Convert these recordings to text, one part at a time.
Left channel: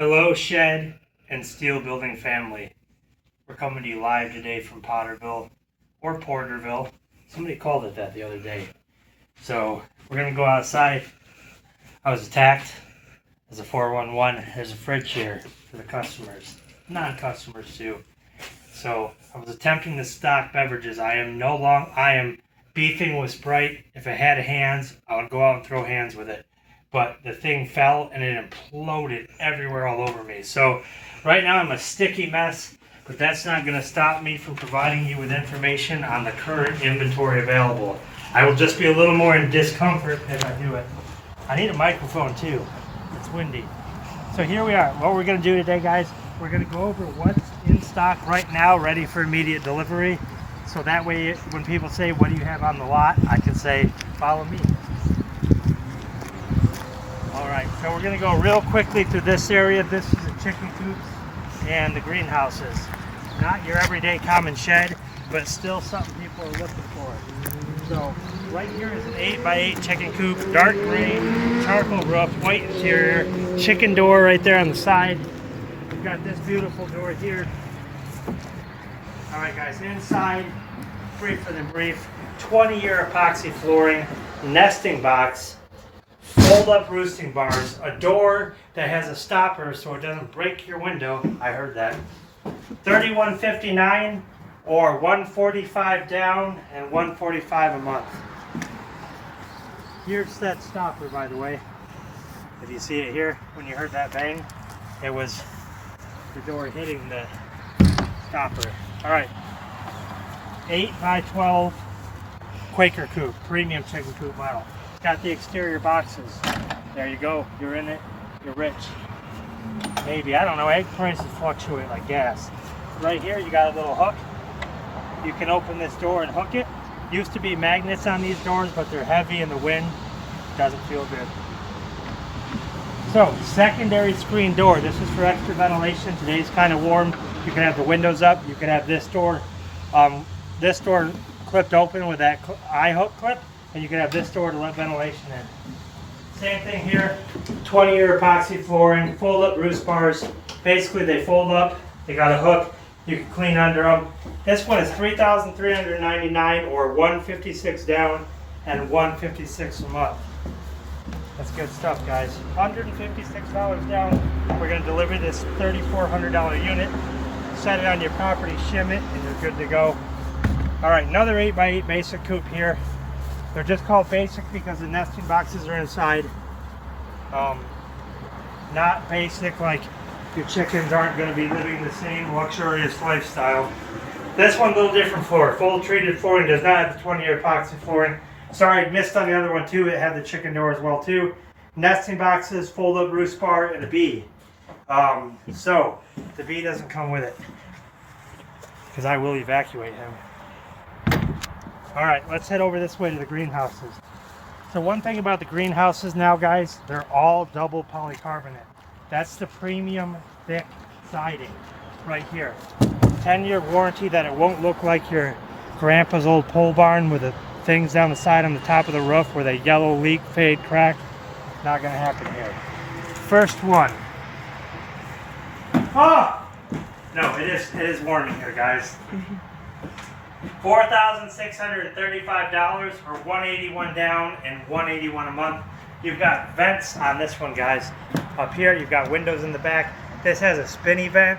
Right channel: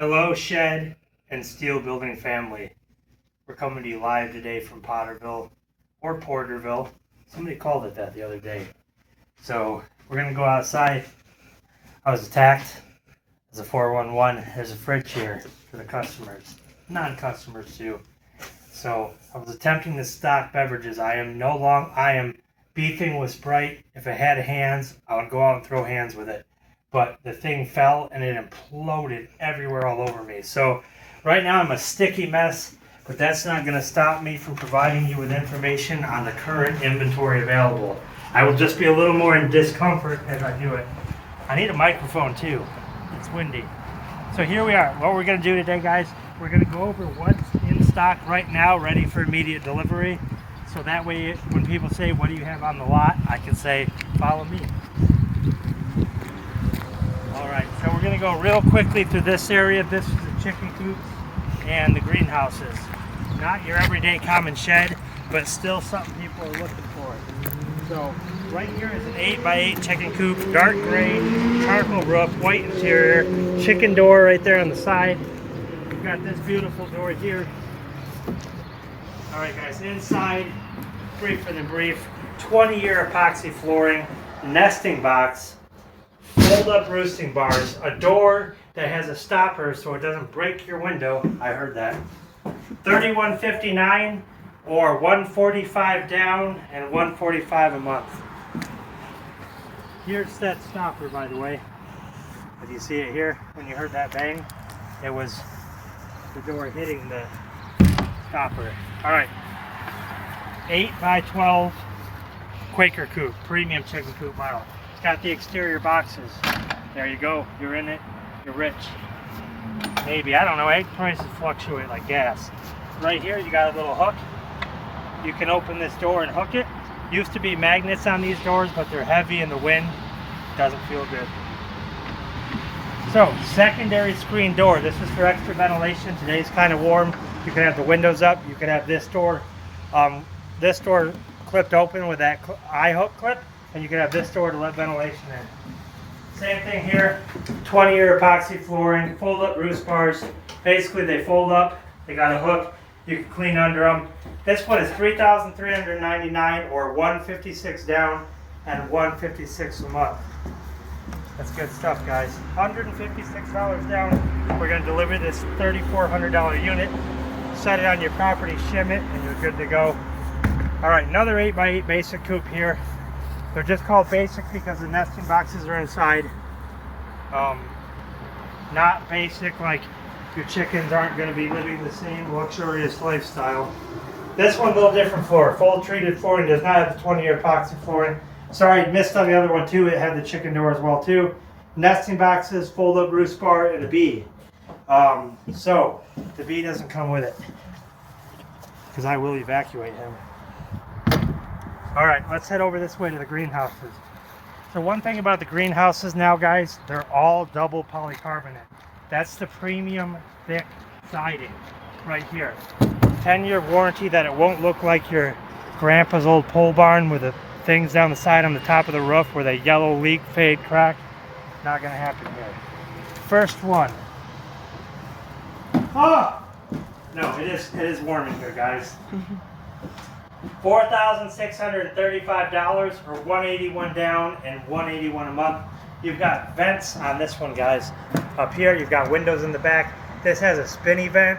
Hello, shed and steel building family. We're coming to you live today from Potterville or Porterville. Somebody called it that the other day. So we're gonna go outside. I was attacked as a 411. There's a fridge here for the customers, non-customers too. So I was attempting to stock beverages. I am beefing with Sprite. If it had hands, I would go out and throw hands with it. But the thing fell and it imploded everywhere all over me. So right now I'm a sticky mess, but that's not going to stop me from providing you with information on the current inventory available. I will just be a little more in discomfort as I do it. I need a microphone too. It's windy. So here we are. What we're going to do today, guys, we're going to go over what's in stock right now, ready for immediate delivery. So that way, when people say, what do you have on the lot? I can say, follow me. All right, so we're going to go real quickly through this area. This is the chicken coops and the greenhouses. Not your everyday common shed, but still something people are looking for. So right here is an 8x8 chicken coop, dark gray, charcoal roof, white interior, chicken door right there on the side. We've got this beautiful door here. All right, guys, inside, briefer than brief, 20-year epoxy flooring, nesting box, fold-up roosting bars, a door that has a stopper so it doesn't break your window. I heard that. $31.59 or $145 down and $145 a month. Here's that stopper, by the way. If you see it here, when you heard that bang, it was the door hitting the stopper. All right, 8x12 Quaker coop, premium chicken coop model. Got the exterior boxes. There you go. You're in it. You're rich. Maybe. I don't know. Egg prices fluctuate like gas. Right here, you got a little hook. You can open this door and hook it. Used to be magnets on these doors, but they're heavy in the wind. Doesn't feel good. So, secondary screen door. This is for extra ventilation. Today's kind of warm. You can have the windows up. You can have this door clipped open with that eye hook clip. And you can have this door to let ventilation in. Same thing here, 20-year epoxy flooring, fold-up roost bars. Basically, they fold up, they got a hook, you can clean under them. This one is $3,399 or $156 down and $156 a month. That's good stuff, guys. $156 down. We're going to deliver this $3,400 unit. Set it on your property, shim it, and you're good to go. All right, another 8x8 basic coop here. They're just called basic because the nesting boxes are inside. Not basic like your chickens aren't going to be living the same luxurious lifestyle. This one's a little different floor. Full treated flooring, does not have the 20-year epoxy flooring. Sorry, I missed on the other one too. It had the chicken door as well too. Nesting boxes, fold-up roost bar, and a bee. So the bee doesn't come with it because I will evacuate him. All right, let's head over this way to the greenhouses. So one thing about the greenhouses now, guys, they're all double polycarbonate. That's the premium thick siding right here. 10-year warranty that it won't look like your grandpa's old pole barn with the things down the side on the top of the roof where they yellow, leak, fade, crack. Not gonna happen here. First one. Oh! No, it is warm in here, guys. $4,635 or $181 down and $181 a month. You've got vents on this one, guys. Up here, you've got windows in the back. This has a spinny vent.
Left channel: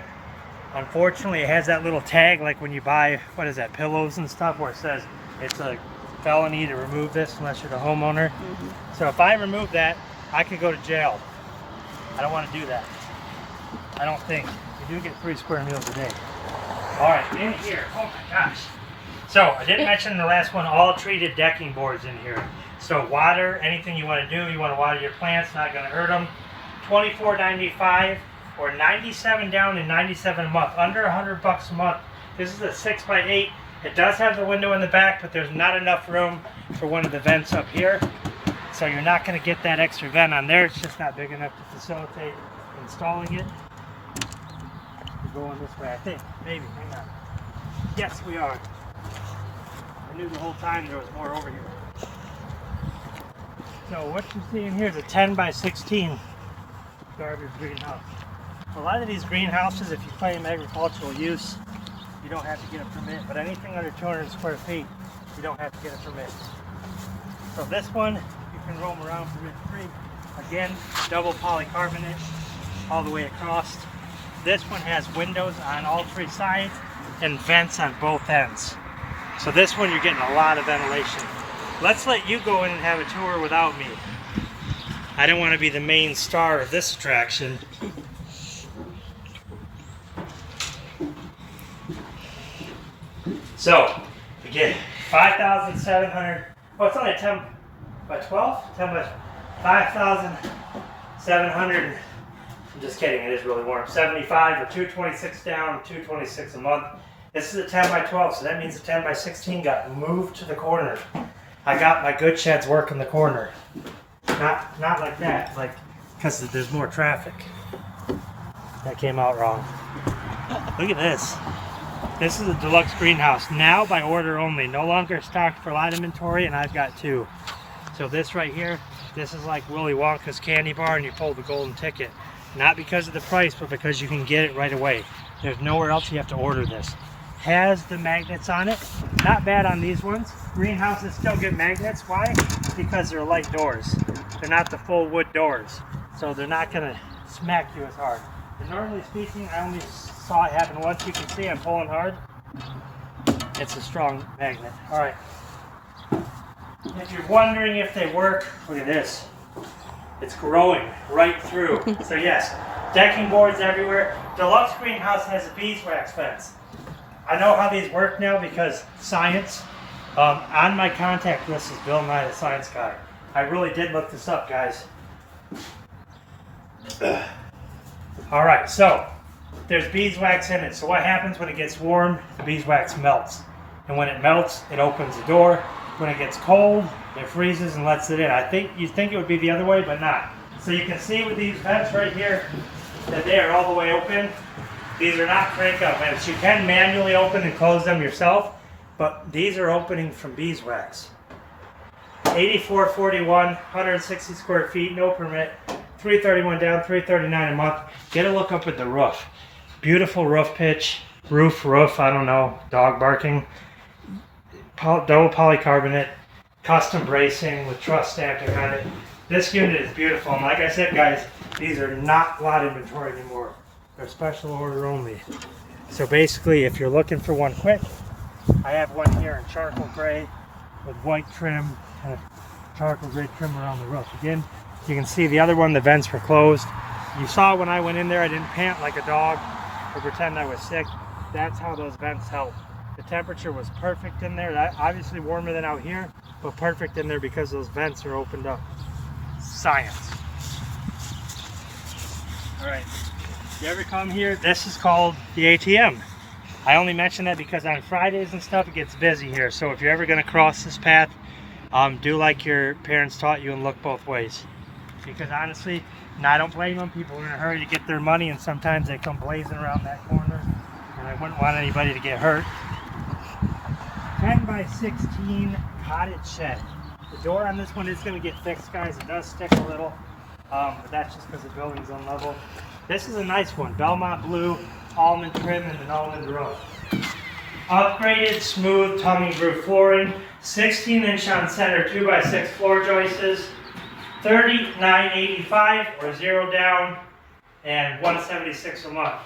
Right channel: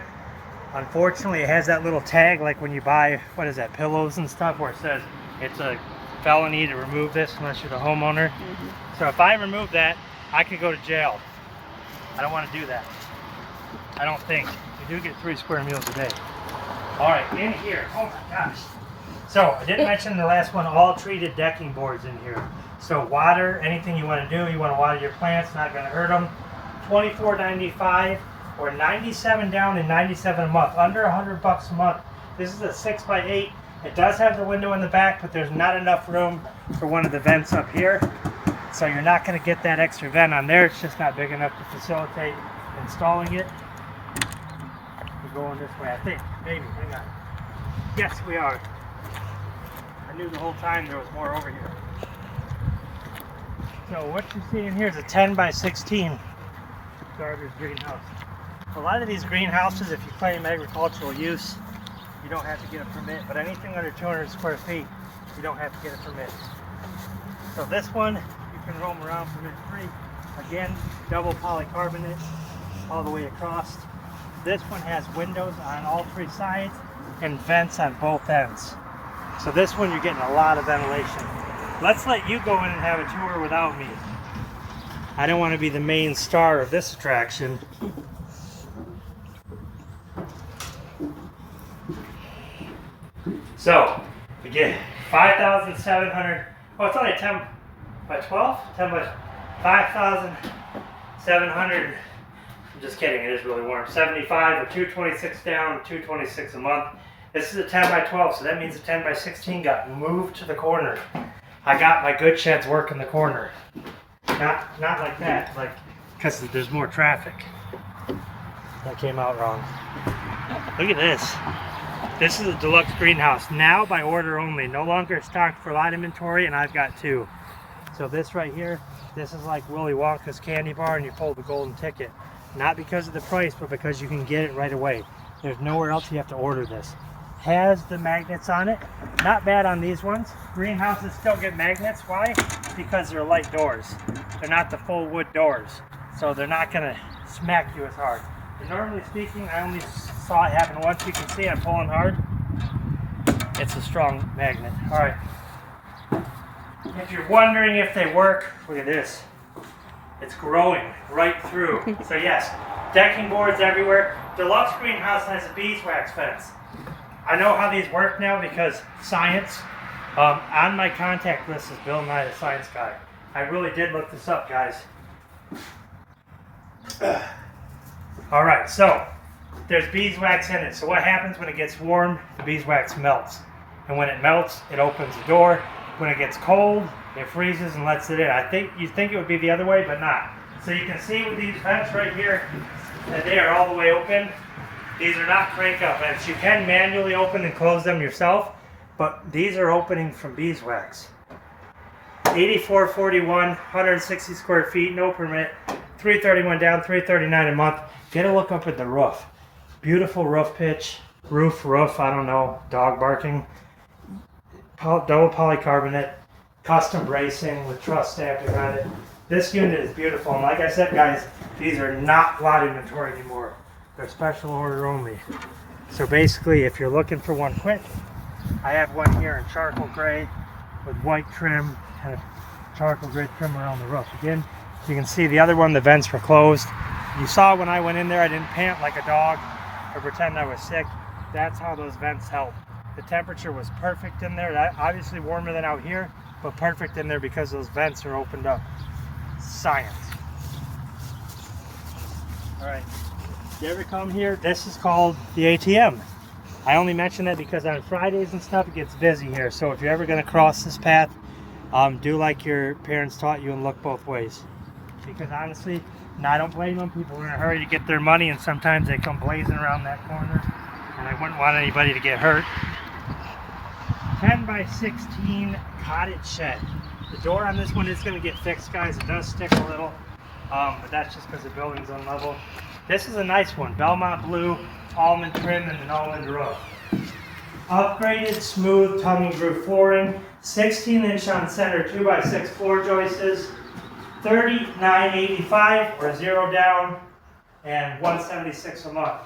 Unfortunately, it has that little tag like when you buy, what is that, pillows and stuff, where it says it's a felony to remove this unless you're the homeowner. So if I remove that, I could go to jail. I don't want to do that. I don't think. You do get 3 square meals a day. All right, in here, oh my gosh. So I didn't mention in the last one, all treated decking boards in here. So water, anything you want to do, you want to water your plants, not going to hurt them. $24.95 or $97 down and $97 a month, under $100 a month. This is a 6x8. It does have the window in the back, but there's not enough room for one of the vents up here. So you're not going to get that extra vent on there. It's just not big enough to facilitate installing it. We're going this way, I think. Maybe, hang on. Yes, we are. I knew the whole time there was more over here. So what you're seeing here is a 10 by 16 garbage greenhouse. A lot of these greenhouses, if you claim agricultural use, you don't have to get a permit, but anything under 200 square feet, you don't have to get a permit. So this one, you can roam around permit free. Again, double polycarbonate all the way across. This one has windows on all three sides and vents on both ends. So this one, you're getting a lot of ventilation. Let's let you go in and have a tour without me. I don't want to be the main star of this attraction. So, you get 5,700, oh, it's only 10 by 12? 10 by 5,700, I'm just kidding, it is really warm. 75 or 226 down, 226 a month. This is a 10 by 12, so that means the 10 by 16 got moved to the corner. I got my good sheds work in the corner. Not like that, like, because there's more traffic. That came out wrong. Look at this. This is a deluxe greenhouse, now by order only, no longer stocked for lot inventory, and I've got two. So this right here, this is like Willy Wonka's candy bar and you pull the golden ticket. Not because of the price, but because you can get it right away. There's nowhere else you have to order this. Has the magnets on it, not bad on these ones. Greenhouses still get magnets, why? Because they're light doors. They're not the full wood doors, so they're not gonna smack you as hard. But normally speaking, I only saw it happen once. You can see I'm pulling hard. It's a strong magnet. All right. If you're wondering if they work, look at this. It's growing right through. So yes, decking boards everywhere. Deluxe greenhouse has a beeswax fence. I know how these work now because science. On my contact list is Bill Nye, the science guy. I really did look this up, guys. All right, so there's beeswax in it. So what happens when it gets warm? The beeswax melts. And when it melts, it opens the door. When it gets cold, it freezes and lets it in. You'd think it would be the other way, but not. So you can see with these vents right here that they are all the way open. These are not crank-up vents. You can manually open and close them yourself, but these are opening from beeswax. 8441, 160 square feet, no permit, 331 down, 339 a month. Get a look up at the roof. Beautiful roof pitch, roof, I don't know, dog barking. Double polycarbonate, custom bracing with truss stamping on it. This unit is beautiful, and like I said, guys, these are not lot inventory anymore. They're special order only. So basically, if you're looking for one quick, I have one here in charcoal gray with white trim and a charcoal gray trim around the roof. Again, you can see the other one, the vents were closed. You saw when I went in there, I didn't pant like a dog or pretend I was sick. That's how those vents help. The temperature was perfect in there. That obviously warmer than out here, but perfect in there because those vents are opened up. Science. All right, you ever come here? This is called the ATM. I only mention that because on Fridays and stuff, it gets busy here. So if you're ever gonna cross this path, do like your parents taught you and look both ways. Because honestly, and I don't blame them, people are in a hurry to get their money and sometimes they come blazing around that corner and I wouldn't want anybody to get hurt. 10 by 16 cottage shed. The door on this one is going to get fixed, guys. It does stick a little, but that's just because the building's unlevel. This is a nice one. Belmont blue, almond trim, and an almond roof. Upgraded smooth tummy groove flooring, 16-inch on center 2x6 floor joists, $39.85 or 0 down, and $176 a month.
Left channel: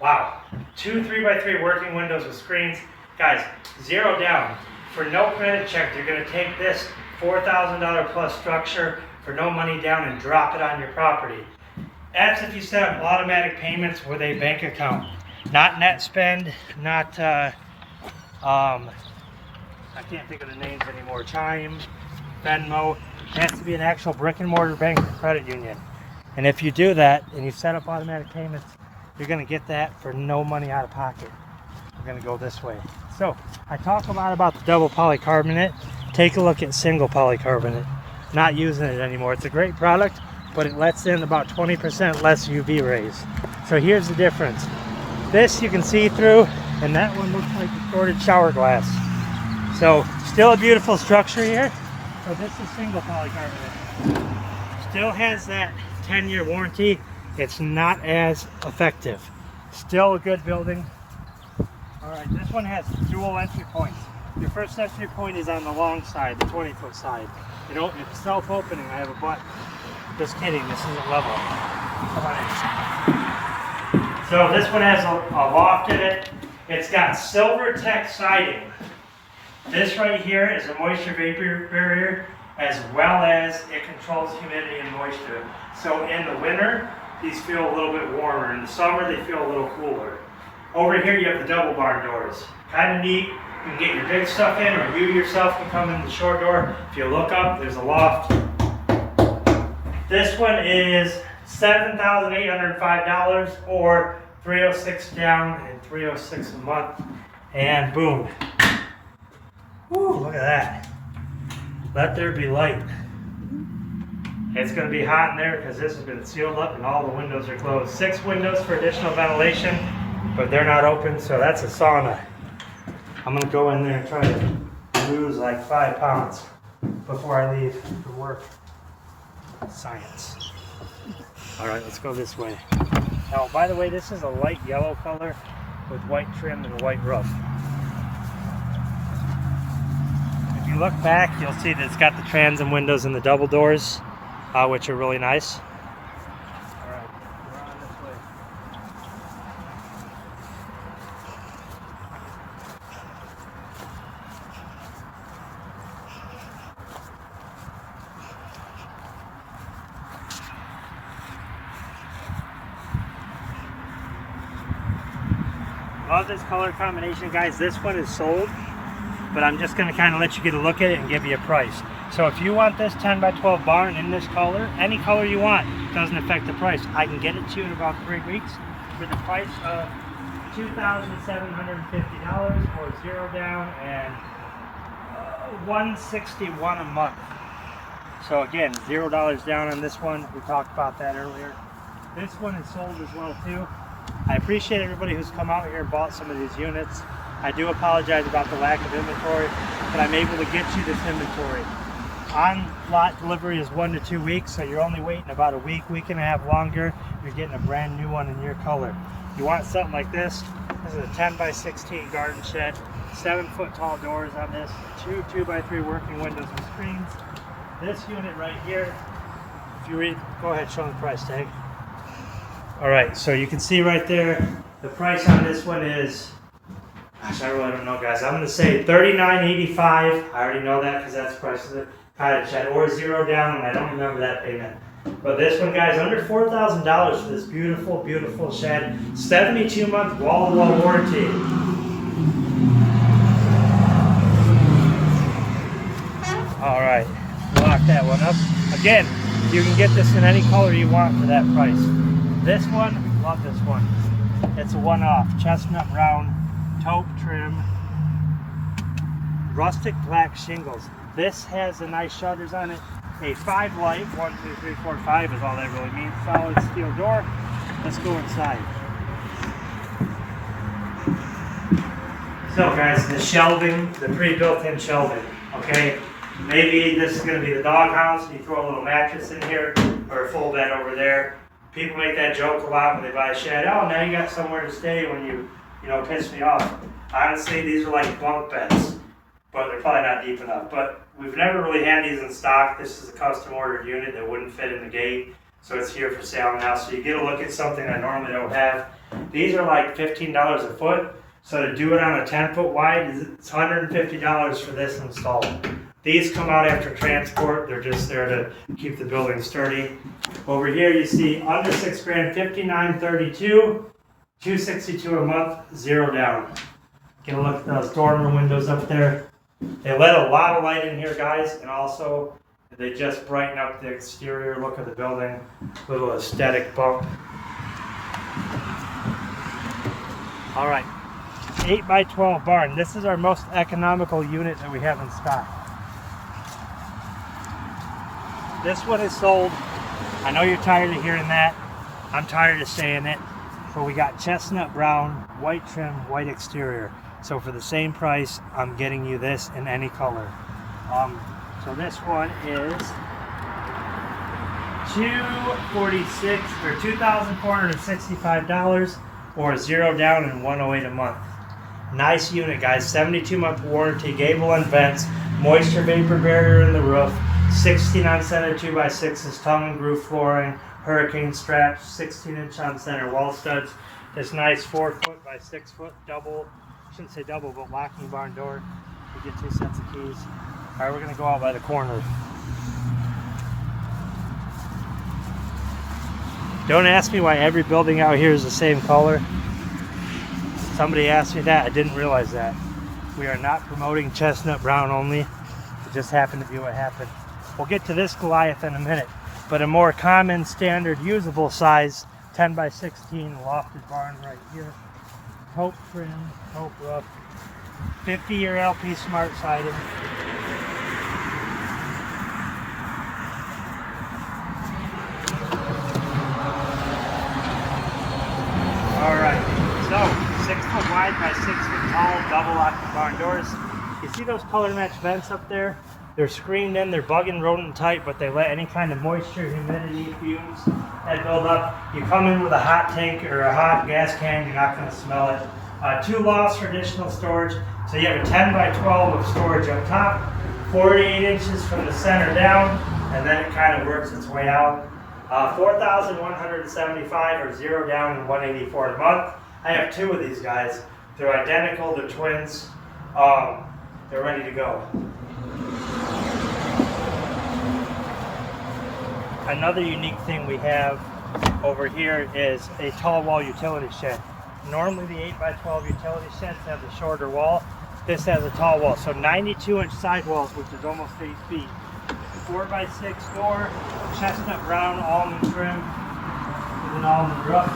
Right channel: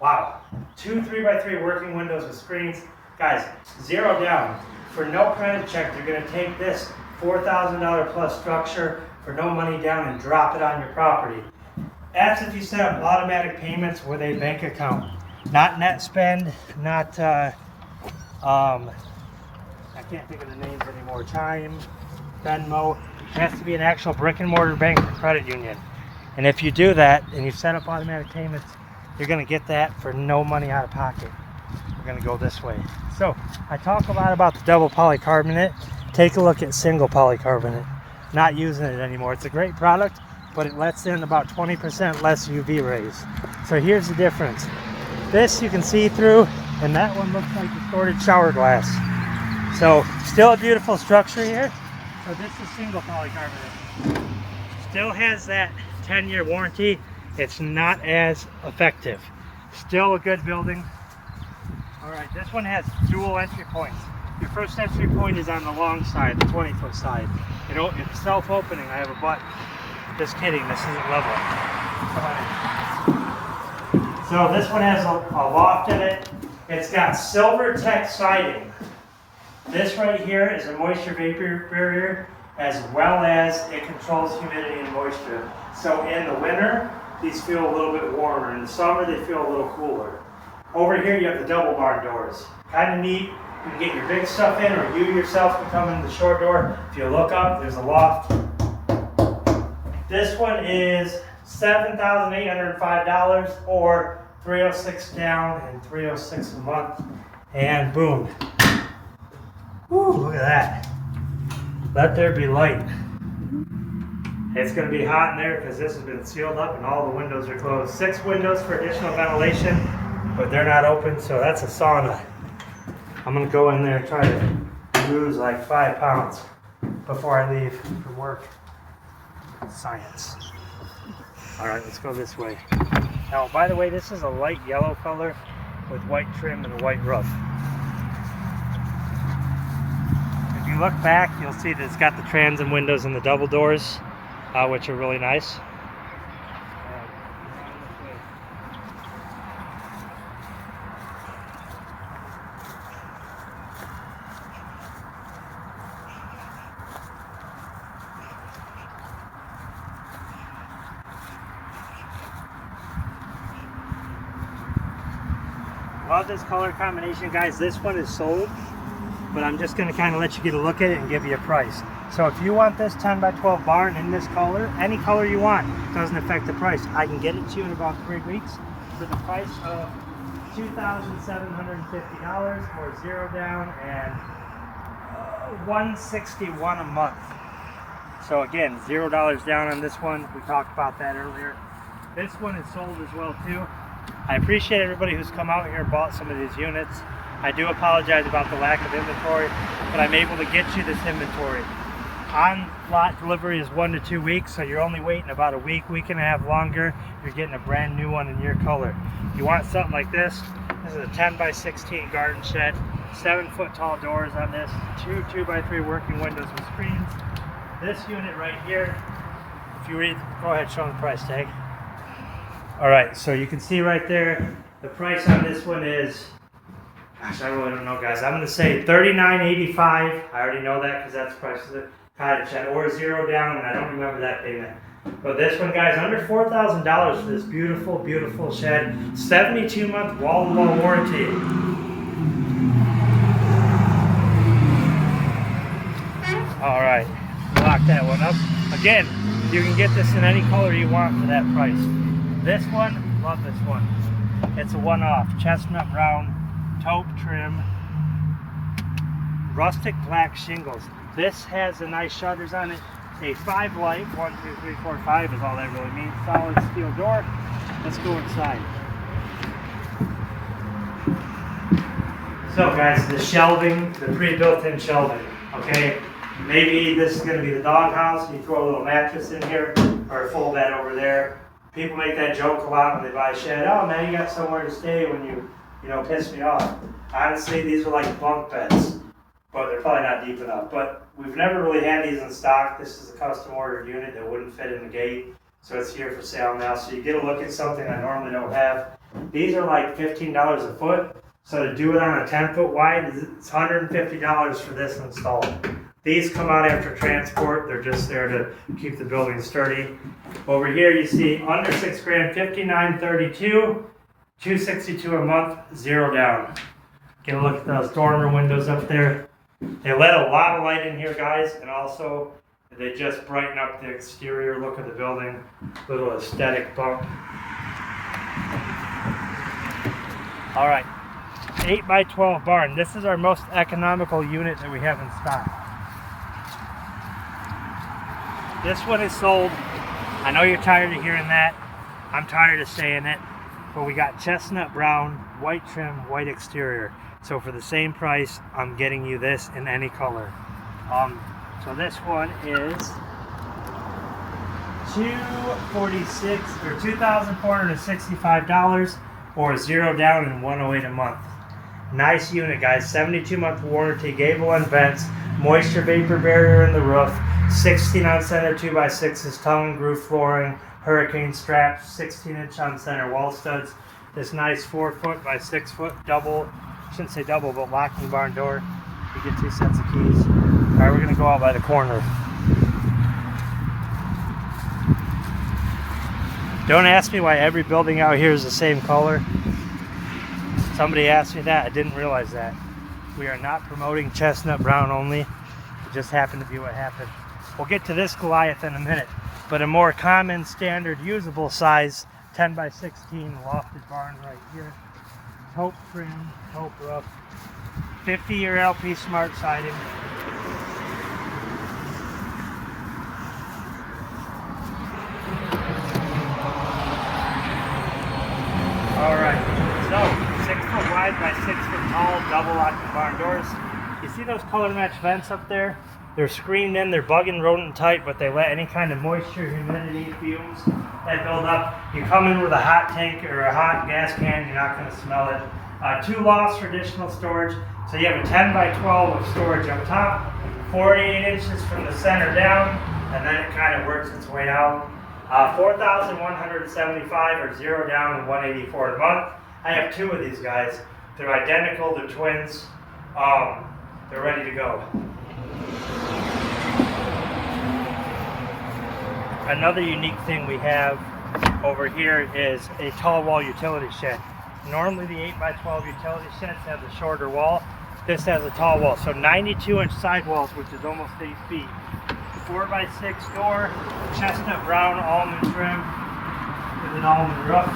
Wow. 2 3x3 working windows with screens. Guys, 0 down. For no credit check, they're going to take this $4,000 plus structure for no money down and drop it on your property. That's if you set up automatic payments with a bank account. Not net spend, not, I can't think of the names anymore, Chime, Venmo. It has to be an actual brick and mortar bank or credit union. And if you do that and you set up automatic payments, you're going to get that for no money out of pocket. We're going to go this way. So I talk a lot about the double polycarbonate. Take a look at single polycarbonate. Not using it anymore. It's a great product, but it lets in about 20% less UV rays. So here's the difference. This you can see through, and that one looks like distorted shower glass. So still a beautiful structure here. So this is single polycarbonate. Still has that 10-year warranty. it's not as effective. Still a good building. All right, this one has dual entry points. Your first entry point is on the long side, the 20-foot side. It's self-opening. I have a button. Just kidding, this isn't level. Come on in. So this one has a loft in it. It's got silver tech siding. This right here is a moisture vapor barrier, as well as it controls humidity and moisture. So in the winter, these feel a little bit warmer. In the summer, they feel a little cooler. Over here, you have the double barn doors. Kind of neat. You can get your big stuff in, or you yourself can come in the short door. If you look up, there's a loft. This one is $7,805, or $306 down and $306 a month. And boom. Woo, look at that. Let there be light. It's going to be hot in there because this has been sealed up and all the windows are closed. 6 windows for additional ventilation, but they're not open, so that's a sauna. I'm going to go in there and try to lose like 5 pounds before I leave for work. Science. All right, let's go this way. Now, by the way, this is a light yellow color with white trim and a white roof. If you look back, you'll see that it's got the transom windows and the double doors, which are really nice. Love this color combination, guys. This one is sold, but I'm just going to kind of let you get a look at it and give you a price. So if you want this 10 by 12 barn in this color, any color you want, doesn't affect the price. I can get it to you in about 3 weeks for the price of $2,750, or 0 down, and $161 a month. So again, $0 down on this one. We talked about that earlier. This one is sold as well too. I appreciate everybody who's come out here and bought some of these units. I do apologize about the lack of inventory, but I'm able to get you this inventory. On lot delivery is 1 to 2 weeks, so you're only waiting about a week, week and a half longer. You're getting a brand new one in your color. You want something like this? This is a 10 by 16 garden shed, 7-foot tall doors on this, 2 2x3 working windows with screens. This unit right here, if you read, go ahead, show me the price tag. All right, so you can see right there, the price on this one is, gosh, I really don't know, guys. I'm going to say $39.85. I already know that because that's the price of the cottage shed, or 0 down, and I don't remember that payment. But this one, guys, under $4,000 for this beautiful, beautiful shed. 72-month wall-to-wall warranty. All right, lock that one up. Again, you can get this in any color you want for that price. This one, love this one. It's a one-off, chestnut brown, taupe trim, rustic black shingles. This has the nice shutters on it. A 5 light, 1, 2, 3, 4, 5 is all that really means. Solid steel door. Let's go inside. So guys, the shelving, the pre-built-in shelving, okay? Maybe this is gonna be the doghouse. You throw a little mattress in here, or a full bed over there. People make that joke a lot when they buy a shed. Oh, now you got somewhere to stay when you piss me off. Honestly, these are like bunk beds, but they're probably not deep enough. But we've never really had these in stock. This is a custom ordered unit that wouldn't fit in the gate, so it's here for sale now. So you get a look at something I normally don't have. These are like $15 a foot. So to do it on a 10-foot wide, it's $150 for this installed. These come out after transport. They're just there to keep the building sturdy. Over here you see under $6,000, $59.32, $262 a month, 0 down. Get a look at those dormer windows up there. They let a lot of light in here, guys, and also they just brighten up the exterior look of the building. Little aesthetic bump. All right, 8 by 12 barn. This is our most economical unit that we have in stock. This one is sold. I know you're tired of hearing that. I'm tired of saying it. But we got chestnut brown, white trim, white exterior. So for the same price, I'm getting you this in any color. So this one is $246 or $2,465 or 0 down and 108 a month. Nice unit, guys. 72-month warranty, gable and vents, moisture vapor barrier in the roof, 16 on center 2x6s, tongue and groove flooring, hurricane straps, 16-inch on center wall studs. This nice 4-foot by 6-foot double, shouldn't say double, but locking barn door. You get 2 sets of keys. All right, we're gonna go out by the corner. Don't ask me why every building out here is the same color. Somebody asked me that, I didn't realize that. We are not promoting chestnut brown only. It just happened to be what happened. We'll get to this Goliath in a minute, but a more common, standard, usable size 10 by 16 lofted barn right here. Taupe trim, taupe roof, 50-year LP smart siding. All right, so 6 foot wide by 6 foot tall, double locking barn doors. You see those color match vents up there? They're screened in, they're bug and rodent tight, but they let any kind of moisture, humidity, fumes that build up. You come in with a hot tank or a hot gas can, you're not going to smell it. 2 lofts for additional storage. So you have a 10 by 12 of storage up top, 48 inches from the center down, and then it kind of works its way out. 4,175 or 0 down and 184 a month. I have 2 of these guys. They're identical, they're twins. They're ready to go. Another unique thing we have over here is a tall wall utility shed. Normally the 8 by 12 utility sheds have the shorter wall. This has a tall wall, so 92-inch sidewalls, which is almost 8 feet. 4 by 6 door, chestnut brown almond trim with an almond roof.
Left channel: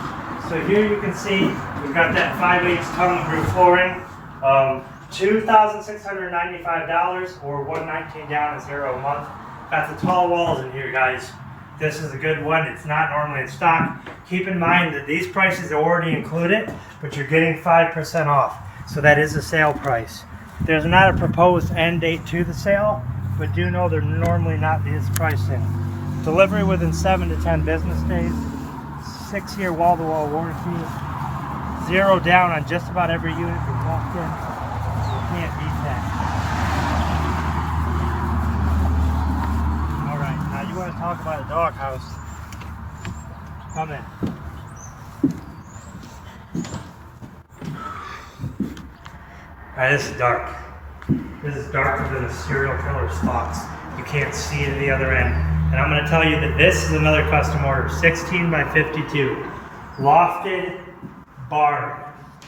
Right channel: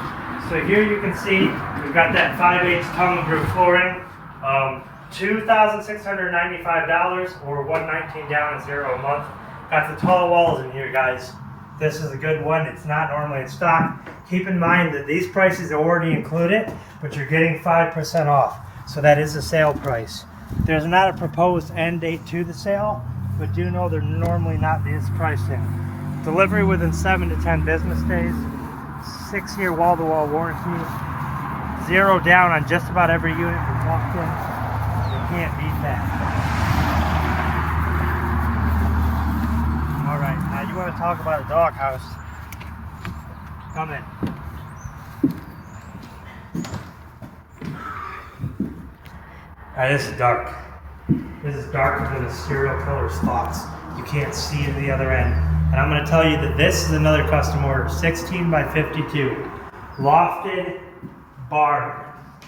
So here you can see we've got that 5/8 tongue and groove flooring, $2,695 or $119 down and 0 a month. Got the tall walls in here, guys. This is a good one. It's not normally in stock. Keep in mind that these prices already include it, but you're getting 5% off. So that is a sale price. There's not a proposed end date to the sale, but do know they're normally not this price in. Delivery within 7 to 10 business days, 6-year wall-to-wall warranty, 0 down on just about every unit we walked in. You can't beat that. All right, now you want to talk about a doghouse? Come in. All right, this is dark. This is darker than a serial killer's thoughts. You can't see it at the other end. And I'm going to tell you that this is another custom order, 16 by 52, lofted barn.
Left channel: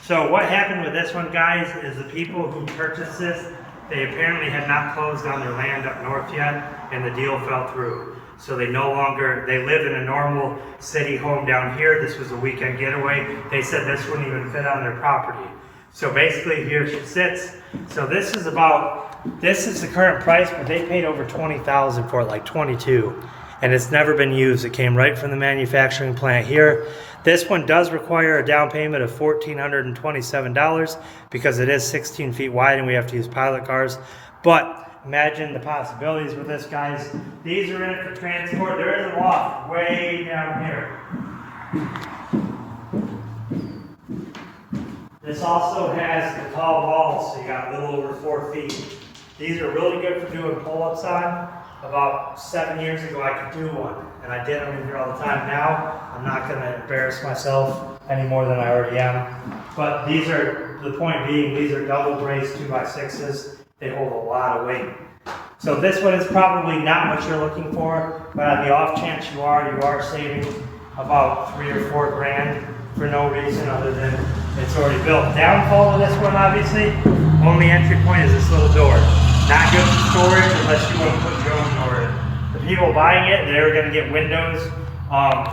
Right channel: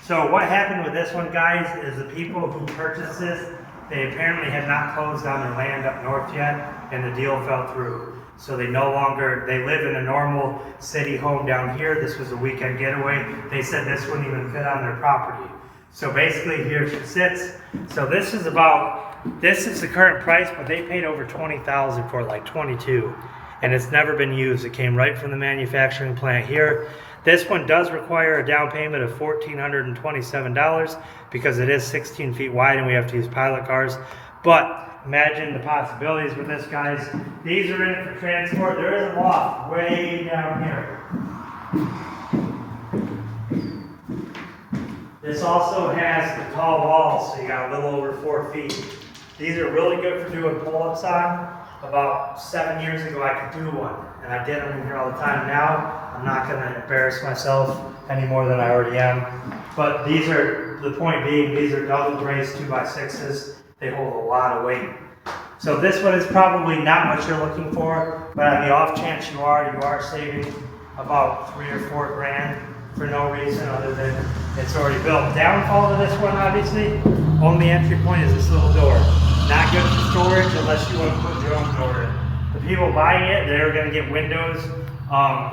So what happened with this one, guys, is the people who purchased this, they apparently had not closed on their land up north yet, and the deal fell through. So they live in a normal city home down here. This was a weekend getaway. They said this wouldn't even fit on their property. So basically here she sits. So this is the current price, but they paid over $20,000 for it, like 22. And it's never been used. It came right from the manufacturing plant here. This one does require a down payment of $1,427 because it is 16 feet wide and we have to use pilot cars. But imagine the possibilities with this, guys. These are in for transport. There is a loft way down here. This also has the tall walls, so you got a little over 4 feet. These are really good for doing pull-ups on. About 7 years ago, I could do one, and I did them in here all the time. Now, I'm not going to embarrass myself any more than I already am. But these are, the point being, these are double braced 2x6s. They hold a lot of weight. So this one is probably not what you're looking for, but on the off chance you are saving about $3 or $4 grand for no reason other than it's already built. Downfall to this one, obviously, only entry point is this little door. Not good for storage unless you want to put your own door in. The people buying it, they were going to get windows.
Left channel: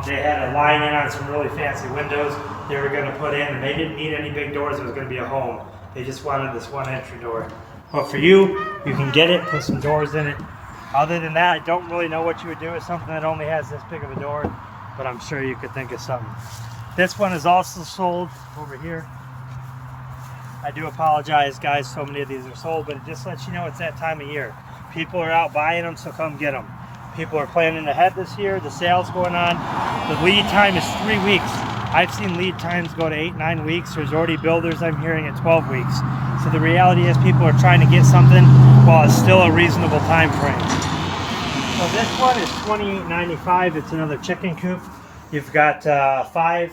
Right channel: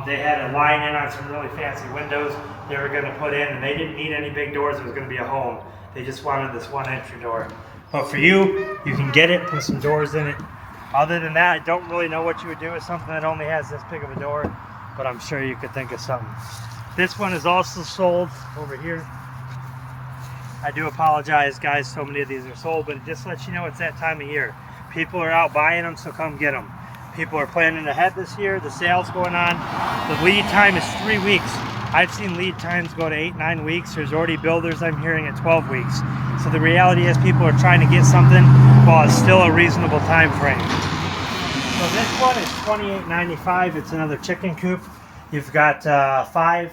They had a line in on some really fancy windows they were going to put in, and they didn't need any big doors. It was going to be a home. They just wanted this one entry door. But for you, you can get it, put some doors in it. Other than that, I don't really know what you would do with something that only has this big of a door, but I'm sure you could think of something. This one is also sold over here. I do apologize, guys, so many of these are sold, but it just lets you know it's that time of year. People are out buying them, so come get them. People are planning ahead this year. The sale's going on. The lead time is 3 weeks. I've seen lead times go to 8-9 weeks. There's already builders I'm hearing at 12 weeks. So the reality is people are trying to get something while it's still a reasonable time frame. So this one is $28.95. It's another chicken coop. You've got 5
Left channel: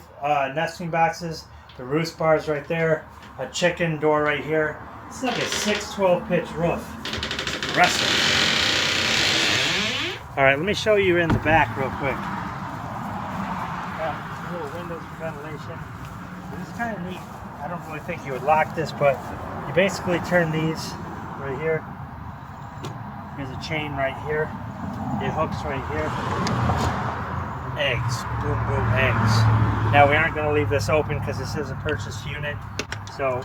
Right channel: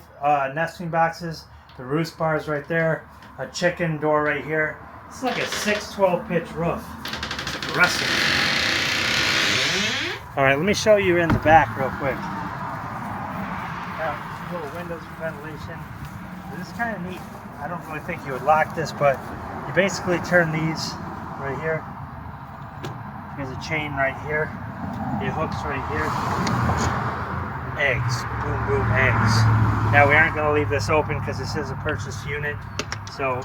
nesting boxes, the roost bars right there, a chicken door right here. It's like a 6-12 pitch roof. Impressive. All right, let me show you in the back real quick. Little windows for ventilation. This is kind of neat. I don't really think you would lock this, but you basically turn these right here. Here's a chain right here. It hooks right here. Eggs. Boom, boom, eggs. Now we aren't going to leave this open because this is a purchase unit. So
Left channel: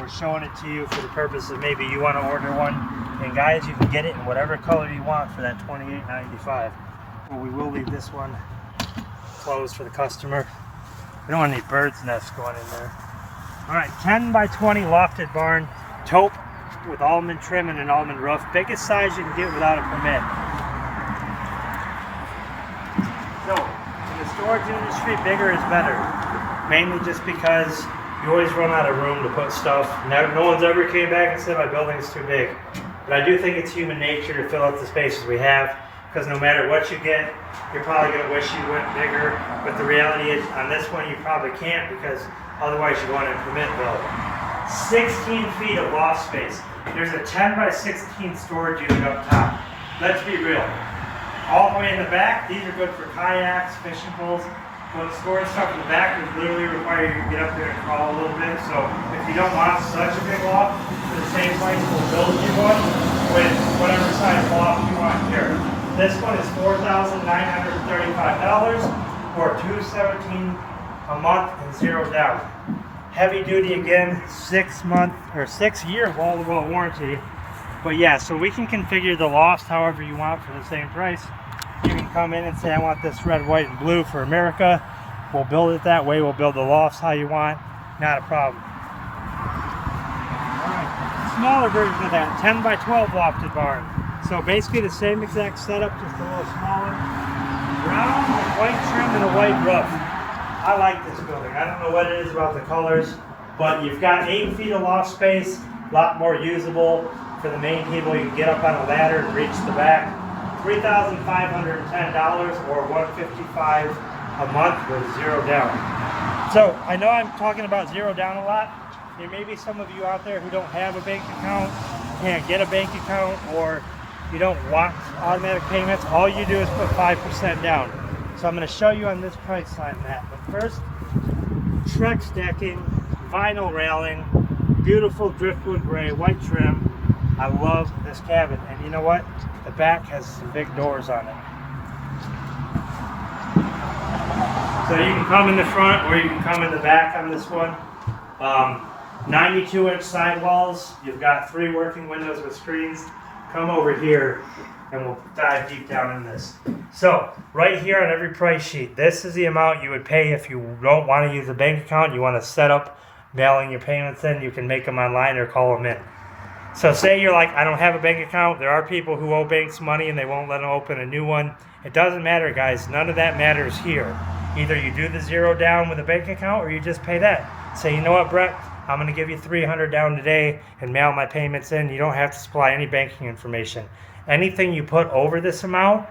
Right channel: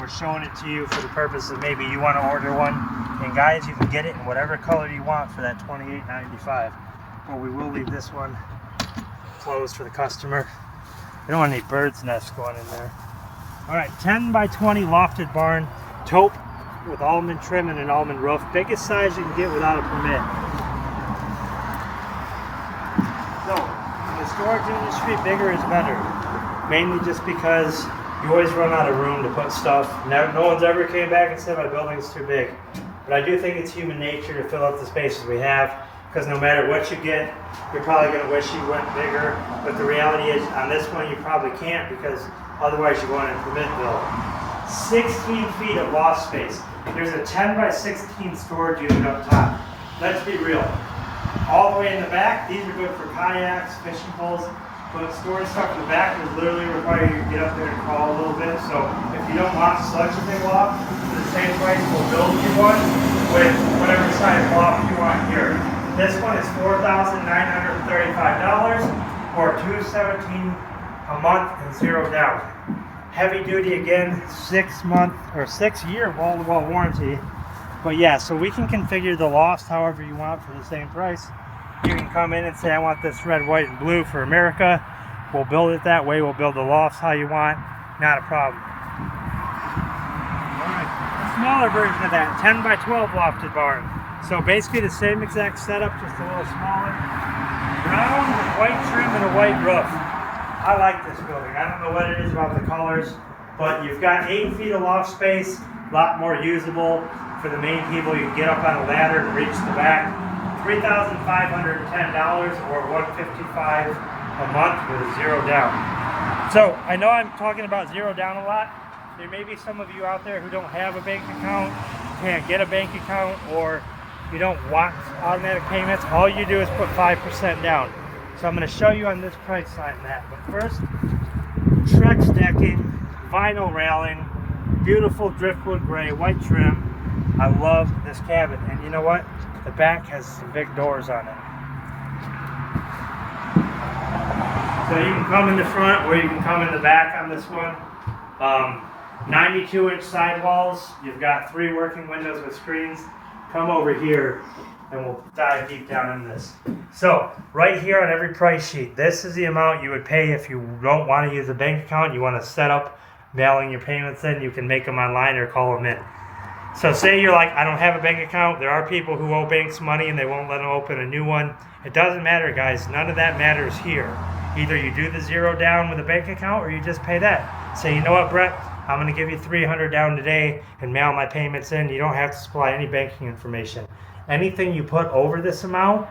we're showing it to you for the purpose of maybe you want to order one. And guys, you can get it in whatever color you want for that $28.95. Or we will leave this one closed for the customer. We don't want any bird's nests going in there. All right, 10 by 20 lofted barn, taupe with almond trim and an almond roof. Biggest size you can get without a permit. So, in the storage industry, bigger is better. Mainly just because you always run out of room to put stuff. No one's ever came back and said my building is too big. But I do think it's human nature to fill up the spaces we have, because no matter what you get, you're probably going to wish you went bigger. But the reality is, on this one, you probably can't, because otherwise you're going to permit bill. 16 feet of loft space. There's a 10 by 16 storage unit up top. Let's be real. All the way in the back, these are good for kayaks, fishing poles. But storing stuff in the back would literally require you to get up there and crawl a little bit. So if you don't want such a big loft, for the same price, we'll build you one with whatever size loft you want here. This one is $4,935 or $217 a month and 0 down. Heavy duty again, 6-year wall-to-wall warranty. But yeah, so we can configure the loft however you want for the same price. You can come in and say, I want this red, white, and blue for America. We'll build it that way. We'll build the lofts how you want. Not a problem. All right, a smaller version of that, 10 by 12 lofted barn. So basically the same exact setup, just a little smaller. Brown with white trim and a white roof. I like this building. I don't know what it is about the colors, but you've got 8 feet of loft space, a lot more usable for the main people. You can get up on a ladder and reach the back. $3,510 or $155 a month with 0 down. So I know I'm talking about 0 down a lot. There may be some of you out there who don't have a bank account, can't get a bank account, or you don't want automatic payments. All you do is put 5% down. So I'm going to show you on this price sign that. But first, Trex decking, vinyl railing, beautiful driftwood gray, white trim. I love this cabin. And you know what? The back has some big doors on it. So you can come in the front or you can come in the back on this one. 92-inch sidewalls. You've got 3 working windows with screens. Come over here and we'll dive deep down in this. So right here on every price sheet, this is the amount you would pay if you don't want to use a bank account. You want to set up mailing your payments in. You can make them online or call them in. So say you're like, I don't have a bank account. There are people who owe banks money and they won't let them open a new one. It doesn't matter, guys. None of that matters here. Either you do the 0 down with a bank account or you just pay that. Say, you know what, Brett? I'm going to give you $300 down today and mail my payments in. You don't have to supply any banking information. Anything you put over this amount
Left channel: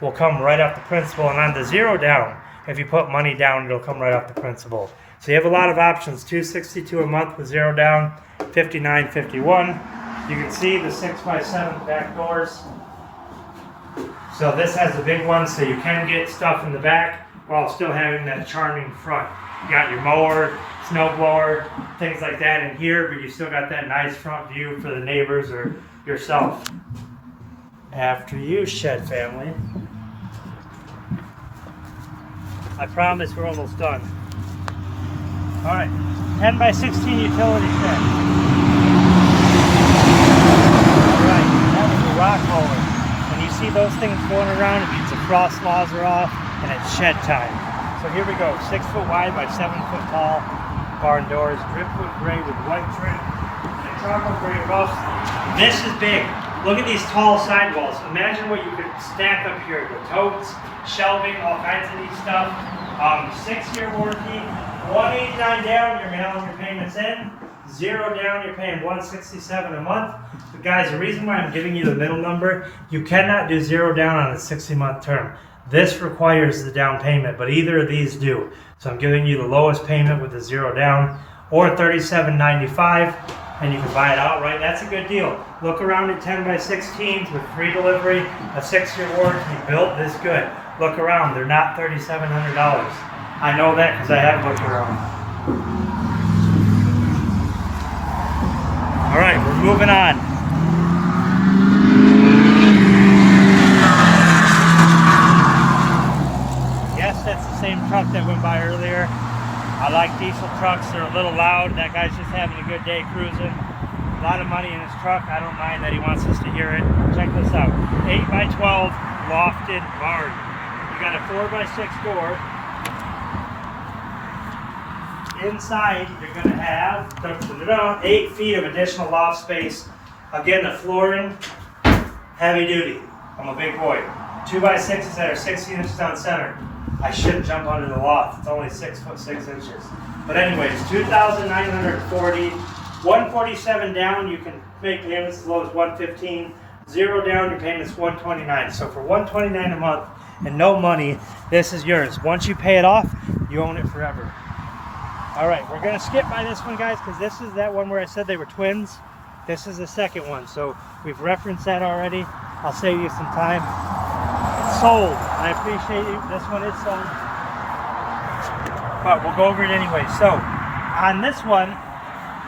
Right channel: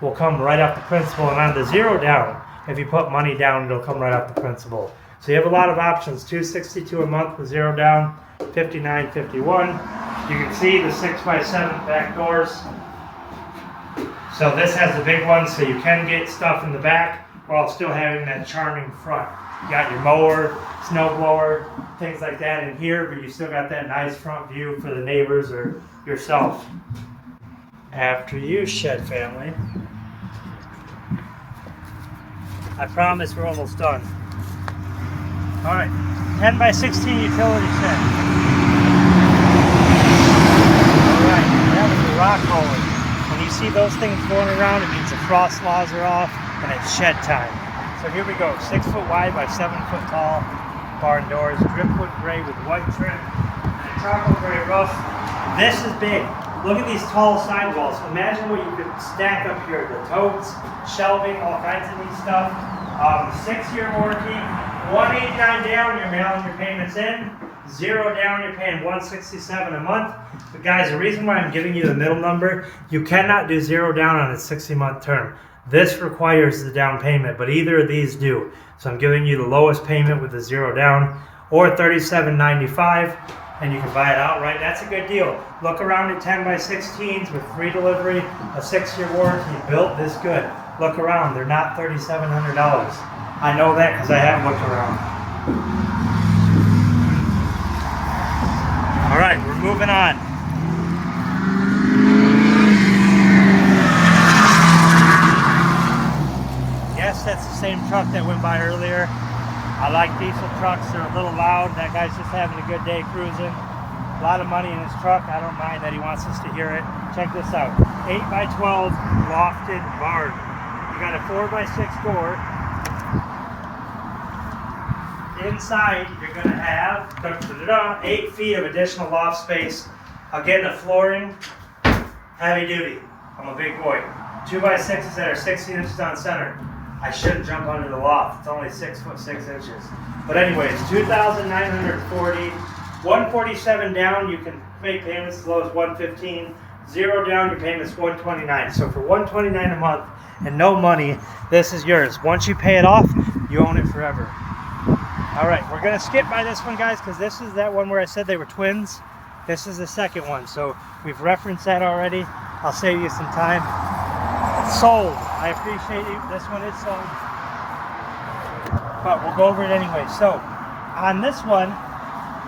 will come right off the principal. And on the 0 down, if you put money down, it'll come right off the principal. So you have a lot of options. $262 a month with 0 down, $59.51. You can see the 6x7 back doors. So this has a big one, so you can get stuff in the back while still having that charming front. You got your mower, snow blower, things like that in here, but you still got that nice front view for the neighbors or yourself. After you, shed family. I promise we're almost done. All right, 10 by 16 utility shed. Alright, that was a rock roller. When you see those things going around, it means the frost laws are off and it's shed time. So here we go, 6 foot wide by 7 foot tall barn doors, driftwood gray with white trim, and a charcoal gray roof. This is big. Look at these tall sidewalls. Imagine what you could stack up here. The totes, shelving, all kinds of neat stuff. 6-year warranty, $189 down, you're mailing your payments in. 0 down, you're paying $167 a month. But guys, the reason why I'm giving you the middle number, you cannot do 0 down on a 60-month term. This requires the down payment, but either of these do. So I'm giving you the lowest payment with the 0 down, or $37.95, and you can buy it outright. That's a good deal. Look around at 10x16s with free delivery, a 6-year warranty, built this good. Look around, they're not $3,700. I know that because I have looked around. All right, we're moving on. Yes, that's the same truck that went by earlier. I like diesel trucks, they're a little loud. That guy's just having a good day cruising. A lot of money in his truck. I don't mind that he wants us to hear it. Check this out, 8x12 lofted barn. You got a 4x6 door. Inside, you're going to have 8 feet of additional loft space. Again, the flooring, heavy duty. I'm a big boy. 2x6s that are 16 inches on center. I shouldn't jump under the loft. It's only 6 foot 6 inches. But anyways, $2,940. $147 down. You can make payments as low as $115. 0 down. Your payment's $129. So for $129 a month and no money, this is yours. Once you pay it off, you own it forever. All right, we're gonna skip by this one, guys, because this is that one where I said they were twins. This is the second one, so we've referenced that already. I'll save you some time. Sold. I appreciate it. This one is sold, but we'll go over it anyway. So on this one,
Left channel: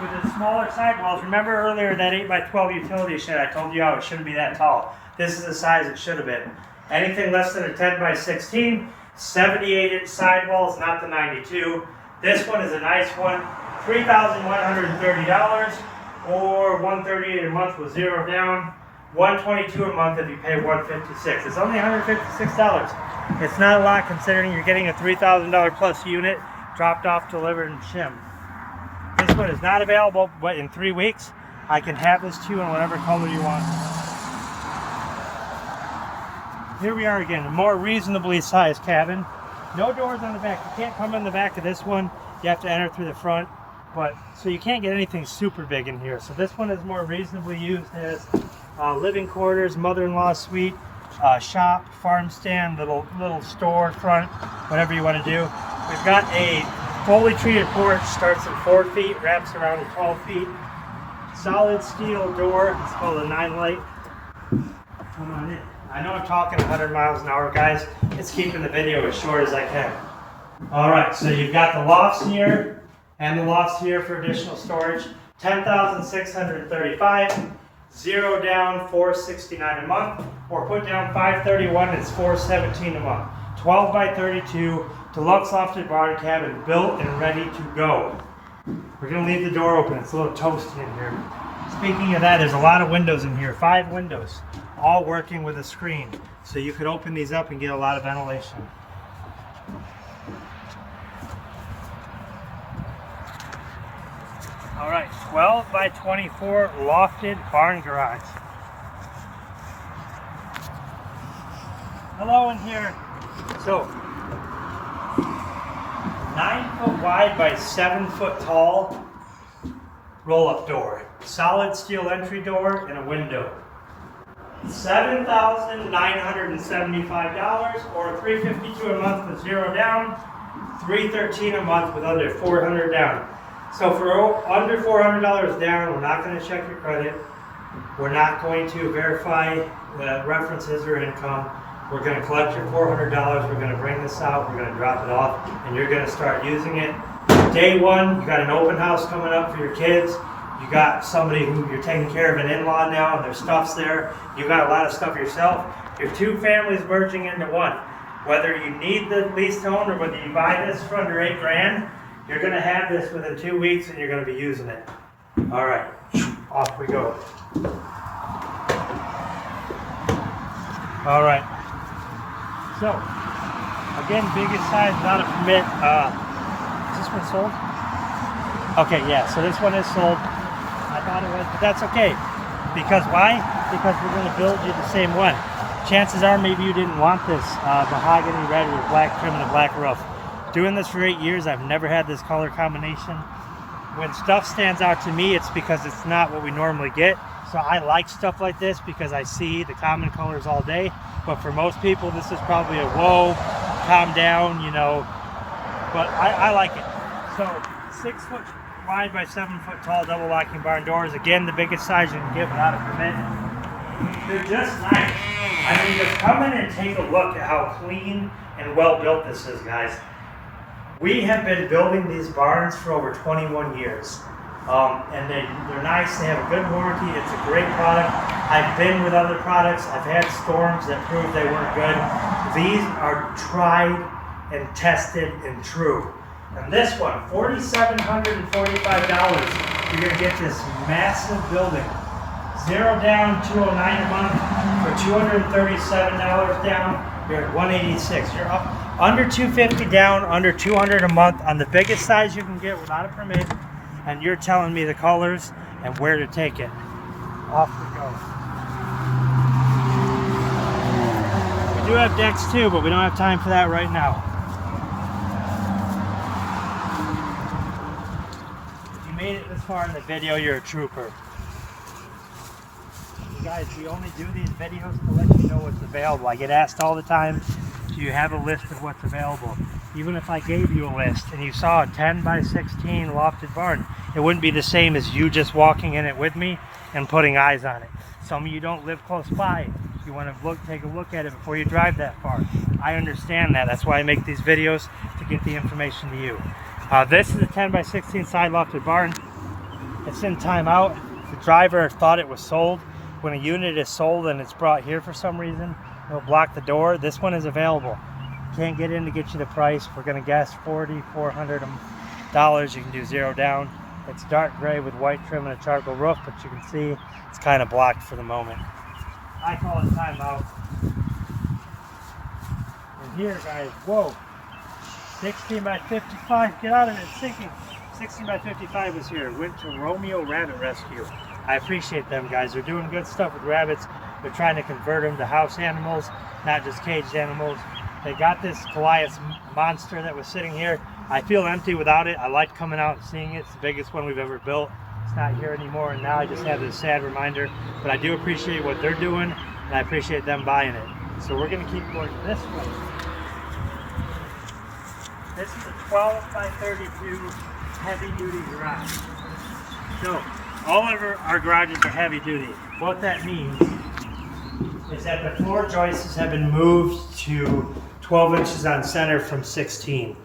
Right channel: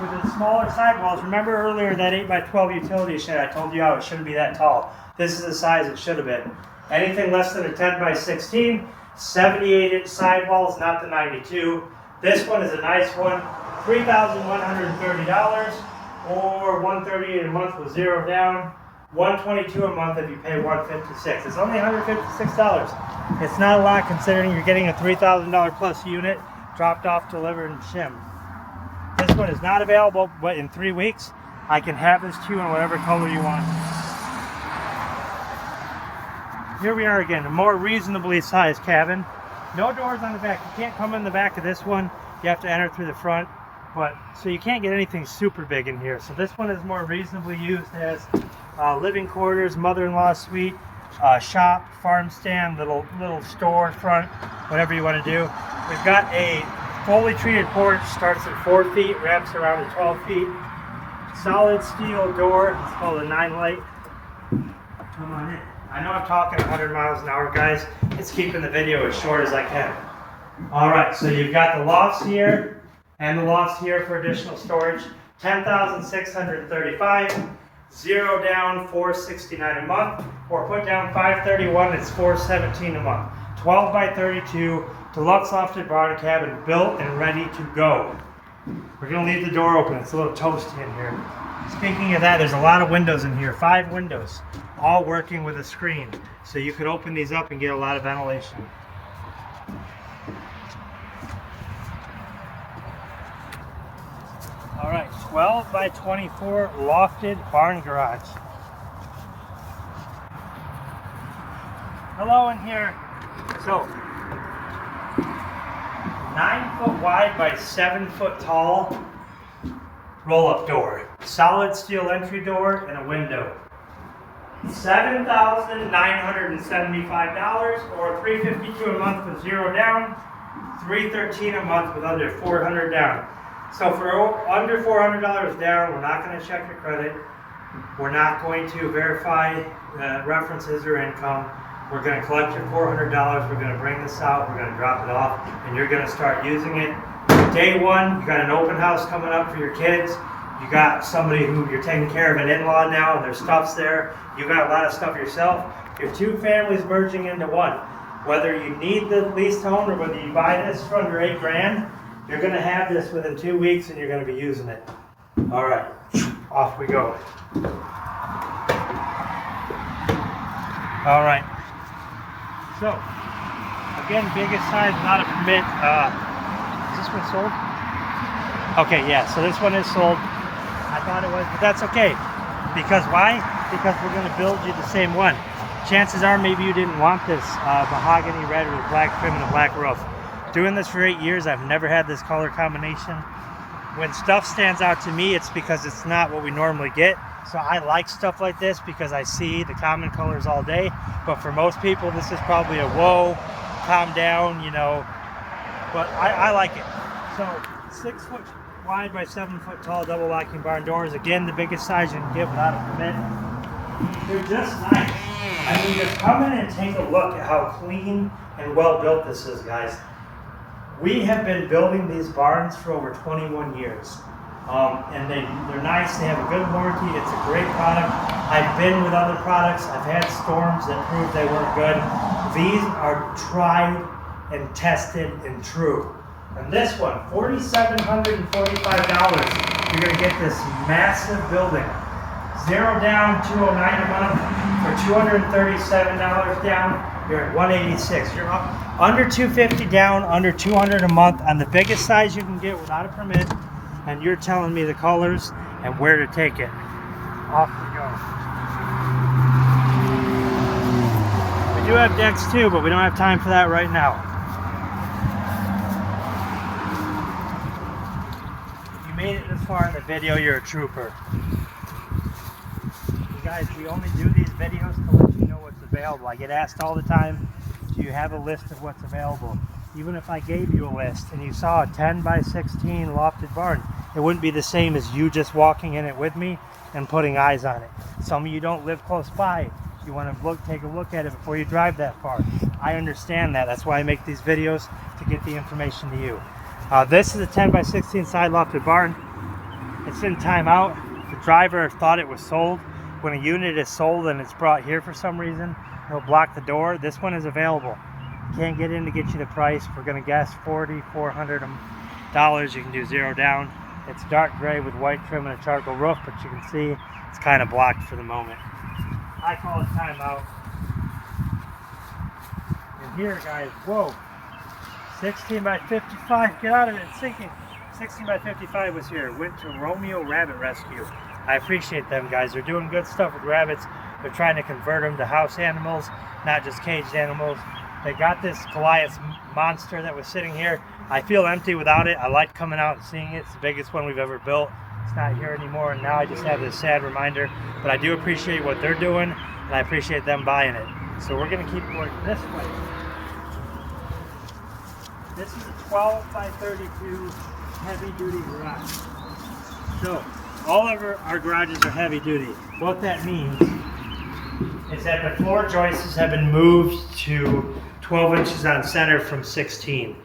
with the smaller sidewalls, remember earlier that 8x12 utility shed, I told you how it shouldn't be that tall. This is the size it should have been. Anything less than a 10x16, 78-inch sidewalls, not the 92. This one is a nice one, $3,130 or $138 a month with 0 down, $122 a month if you pay $156. It's only $156. It's not a lot considering you're getting a $3,000 plus unit dropped off, delivered, and shimmed. This one is not available, but in 3 weeks, I can have this to you in whatever color you want. Here we are again, a more reasonably sized cabin. No doors on the back. You can't come in the back of this one. You have to enter through the front. But so you can't get anything super big in here. So this one is more reasonably used as living quarters, mother-in-law suite, shop, farm stand, little store front, whatever you want to do. We've got a fully treated porch. Starts at 4 feet, wraps around to 12 feet. Solid steel door. It's called a 9-light. Come on in. I know I'm talking 100 miles an hour, guys. It's keeping the video as short as I can. All right, so you've got the lofts here and the lofts here for additional storage. $10,635. 0 down, $469 a month, or put down $531. It's $417 a month. 12x32 deluxe lofted barn cabin, built and ready to go. We're gonna leave the door open. It's a little toasty in here. Speaking of that, there's a lot of windows in here. 5 windows, all working with a screen. So you could open these up and get a lot of ventilation. All right, 12x24 lofted barn garage. Hello in here. So, 9 foot wide by 7 foot tall roll-up door. Solid steel entry door and a window. $7,975 or $352 a month with 0 down, $313 a month with under $400 down. So for under $400 down, we're not going to check your credit. We're not going to verify references or income. We're going to collect your $400. We're going to bring this out. We're going to drop it off, and you're going to start using it. Day one, you got an open house coming up for your kids. You got somebody who you're taking care of, an in-law now, and their stuff's there. You got a lot of stuff yourself. Your 2 families merging into one. Whether you need the lease to own or whether you buy this for under $8 grand, you're going to have this within 2 weeks and you're going to be using it. All right, off we go. All right. So, again, biggest size without a permit. Is this one sold? Okay, yeah, so this one is sold. I thought it was, but that's okay. Because why? because we're going to build you the same one. Chances are maybe you didn't want this mahogany red with black trim and a black roof. Doing this for 8 years, I've never had this color combination. When stuff stands out to me, it's because it's not what we normally get. So I like stuff like this because I see the common colors all day. But for most people, this is probably a whoa, calm down, you know. But I like it. So 6 foot wide by 7 foot tall double locking barn doors. Again, the biggest size you can get without a permit. They're just nice. I mean, just come in and take a look at how clean and well built this is, guys. We have been building these barns for over 21 years. And they're nice, they have a good warranty, it's a great product. I've been with other products, I've had storms that proved they weren't good. These are tried and tested and true. And this one, $4,745, you're gonna get this massive building. 0 down, $209 a month. For $237 down, you're at $186. You're up under $250 down, under $200 a month on the biggest size you can get without a permit. And you're telling me the colors and where to take it. Off we go. We do have decks too, but we don't have time for that right now. If you made it this far in the video, you're a trooper. Guys, we only do these videos to let you know what's available. I get asked all the time, do you have a list of what's available? Even if I gave you a list and you saw a 10 by 16 lofted barn, it wouldn't be the same as you just walking in it with me and putting eyes on it. Some of you don't live close by. You want to take a look at it before you drive that far. I understand that. That's why I make these videos, to get the information to you. This is a 10 by 16 side lofted barn. It's in timeout. The driver thought it was sold. When a unit is sold and it's brought here for some reason, it'll block the door. This one is available. Can't get in to get you the price. We're going to guess $4,400. You can do 0 down. It's dark gray with white trim and a charcoal roof, but you can see it's kind of blocked for the moment. I call it timeout. And here, guys, whoa, 16 by 55. Get out of it, it's sinking. 16 by 55 was here. Went to Romeo Rabbit Rescue. I appreciate them, guys. They're doing good stuff with rabbits. They're trying to convert them to house animals, not just caged animals. They got this Goliath monster that was sitting here. I feel empty without it. I like coming out and seeing it. It's the biggest one we've ever built. It's not here anymore, and now I just have this sad reminder. But I do appreciate what they're doing, and I appreciate them buying it. So we're going to keep going this way. This is a 12 by 32 heavy-duty garage. So all of our garages are heavy-duty. What that means is that the floor joists have been moved to 12 inches on center from 16.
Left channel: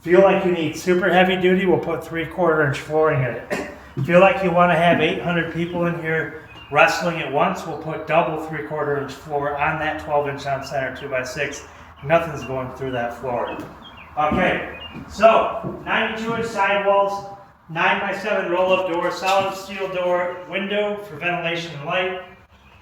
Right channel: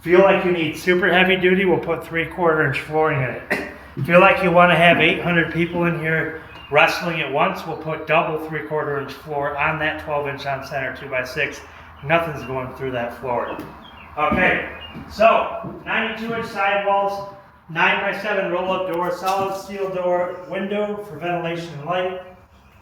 Feel like you need super heavy-duty, we'll put 3/4 inch flooring in it. Feel like you want to have 800 people in here wrestling at once, we'll put double 3/4 inch floor on that 12 inch on center 2x6. Nothing's going through that floor. Okay, so 92 inch sidewalls, 9 by 7 roll-up door, solid steel door, window for ventilation and light,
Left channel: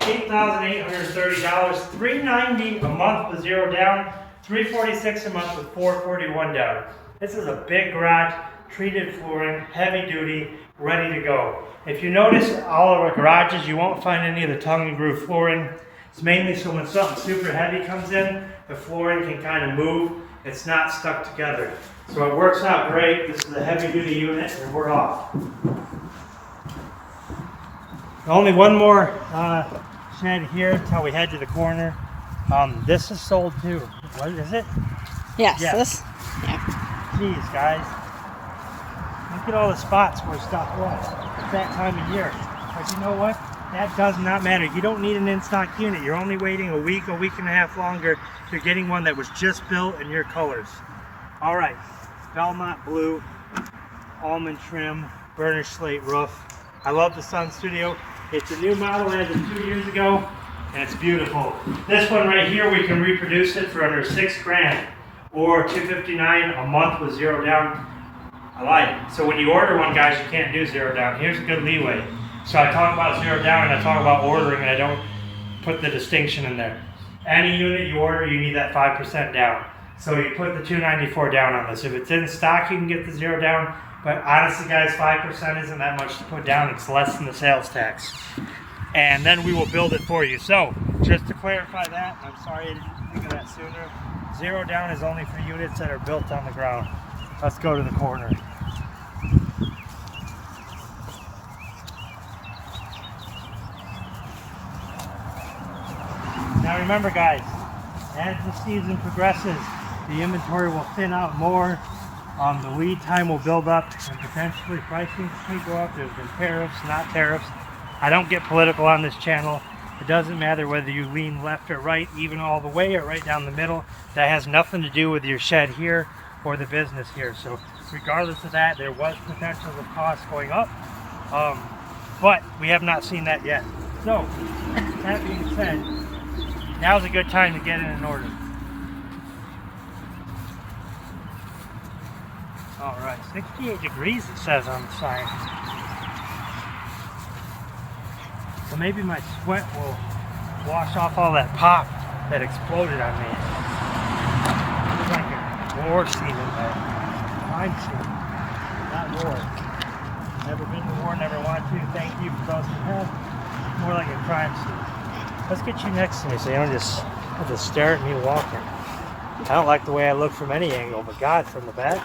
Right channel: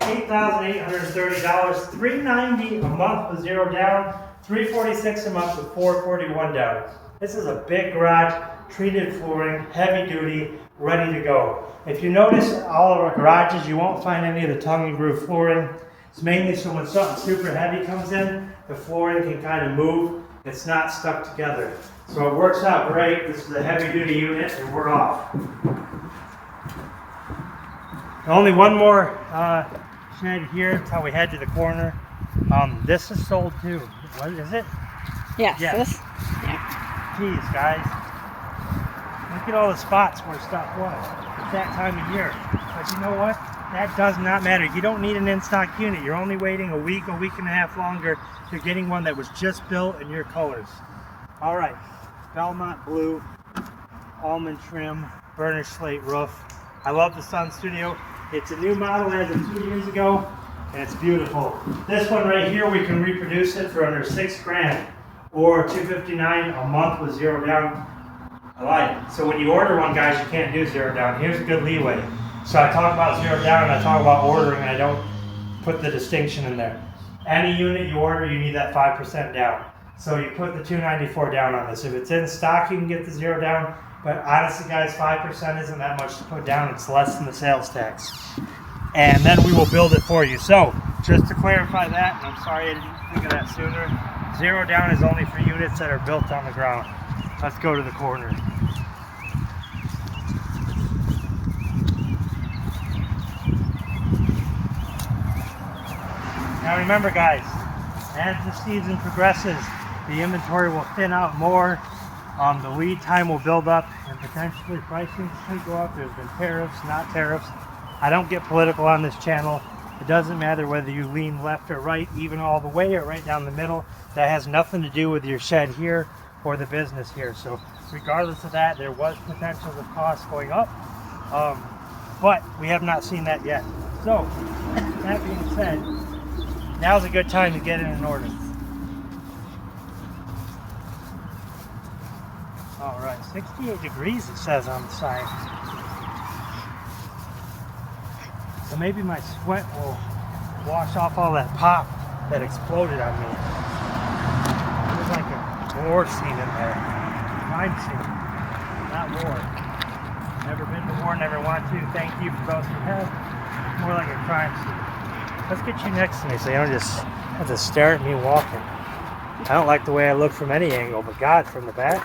$8,830, $390 a month with 0 down, $346 a month with $441 down. This is a big garage, treated flooring, heavy duty, ready to go. If you notice all of our garages, you won't find any of the tongue and groove flooring. It's mainly so when something super heavy comes in, the flooring can kind of move. It's not stuck together. So it works out great. This is a heavy duty unit and we're off. Only one more shed here until we head to the corner. This is sold too. What is it? Yes. Yes. Yeah. Geez, guys. Look at all the spots where stuff was. It's that time of year. But you know what? That does not matter. You don't need an in-stock unit. You're only waiting a week and a half longer. You're getting one that was just built in your colors. All right. Belmont blue, almond trim, burnished slate roof. I love the Sun Studio. It's a new model as of 2 years ago, and it's beautiful. This one right here, we can reproduce it for under $6,000 or $259 a month with 0 down. I like it. So when you order one, guys, you can't do 0 down. Here's a good leeway. So I talk about 0 down and I talk about ordering, and I don't put the distinction in there. Any unit you order, you need that 5% down. So you put the $294 down on this. If it's in stock, you can get the 0 down. But honestly, guys, 5% isn't that much to put down. It's less than the sales tax. and then we will build it for you. So just to clarify that, and I'm sorry I didn't think of that sooner, 0 down is only for units that are built on the ground. Let's go to the corner. Now remember guys, as the season progresses, the inventory will thin out more, the lead time will build up, and potentially pricing could go up. There's been tariffs, not tariffs. I don't get political on this channel. It doesn't matter whether you lean left or right, even all the way or right down the middle. That has nothing to do with your shed here or the business here. So regardless of that, there was potential of costs going up, but we have not seen that yet. So that being said, now's a good time to get it in order. All right, 68 degrees it says on the sign. So maybe my sweat will wash off all that pop that exploded on me. There's like a war scene in there. Crime scene, not war. Never been to war, never want to. Thank you for those who have. More like a crime scene. Let's get you next to me so you don't just have to stare at me walking. I don't like the way I look from any angle, but God, from the back.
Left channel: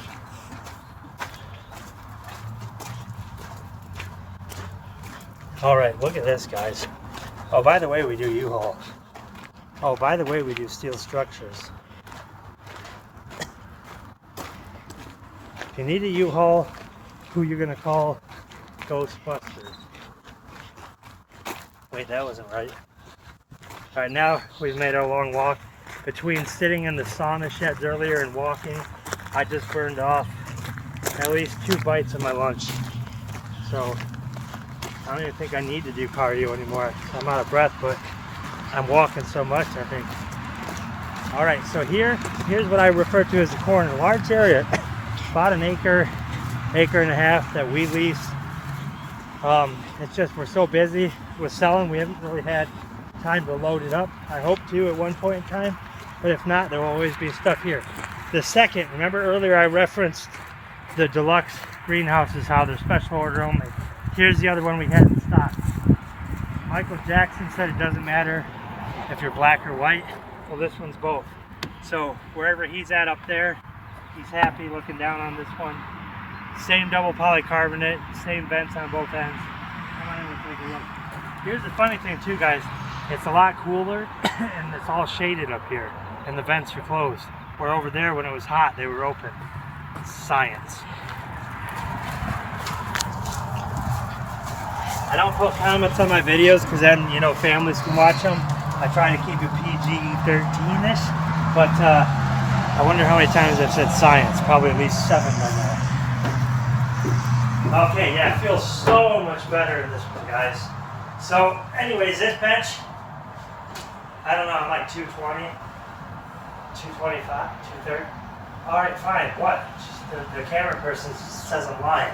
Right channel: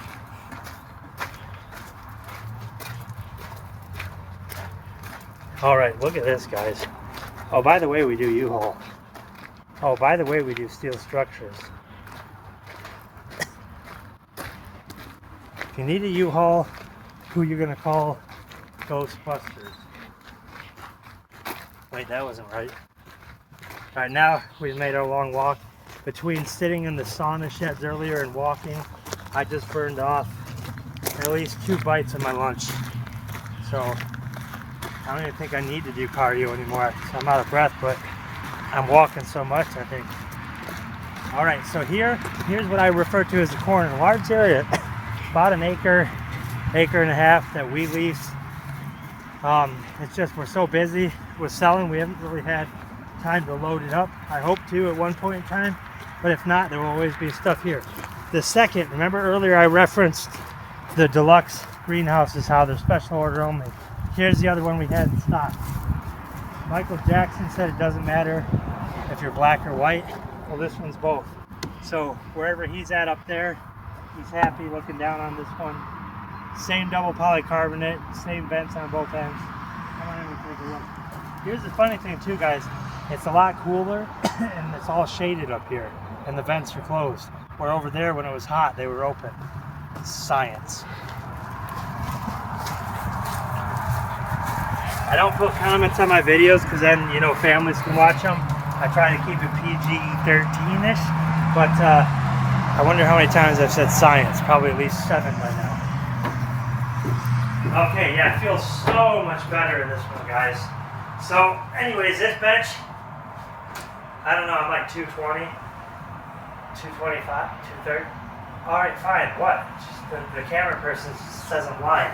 All right, look at this, guys. Oh, by the way, we do U-Haul. Oh, by the way, we do steel structures. If you need a U-Haul, who you're gonna call? Ghostbusters. Wait, that wasn't right. All right, now we've made our long walk. Between sitting in the sauna sheds earlier and walking, I just burned off at least 2 bites of my lunch. So I don't even think I need to do cardio anymore. I'm out of breath, but I'm walking so much, I think. All right, so here's what I refer to as the corner. A large area, about an acre and a half that we lease. It's just we're so busy with selling, we haven't really had time to load it up. I hope to at one point in time, but if not, there will always be stuff here. The second, remember earlier I referenced the deluxe greenhouses, how they're special order only. Here's the other one we had in stock. Michael Jackson said it doesn't matter if you're black or white. Well, this one's both. So wherever he's at up there, he's happy looking down on this one. Same double polycarbonate, same vents on both ends. Come on in and take a look. Here's the funny thing too, guys. It's a lot cooler and it's all shaded up here and the vents are closed. Where over there when it was hot, they were open. It's science. I don't put comments on my videos because then, you know, families can watch them. I try to keep it PG-13-ish, but I wonder how many times I've said science. Probably at least 7 by now. Okay, yeah, it feels so much better in this one, guys. So, anyways, this bench, I don't know, I'm like 220, 225, 230. All right, fine, what? Just the camera person says I'm lying.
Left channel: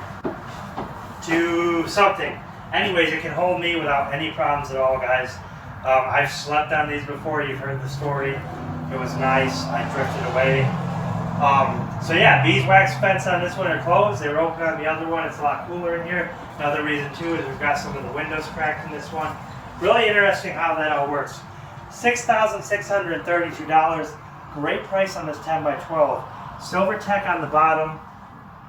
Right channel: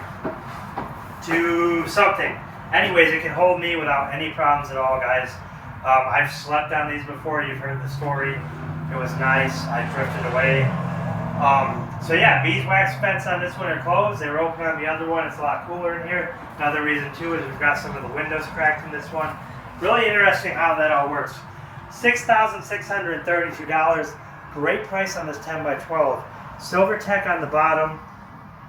Do something. Anyways, it can hold me without any problems at all, guys. I've slept on these before. You've heard the story. It was nice. I drifted away. So yeah, beeswax fence on this one are closed. They were open on the other one. It's a lot cooler in here. Another reason too is we've got some of the windows cracked in this one. Really interesting how that all works. $6,632. Great price on this 10 by 12. Silver Tech on the bottom.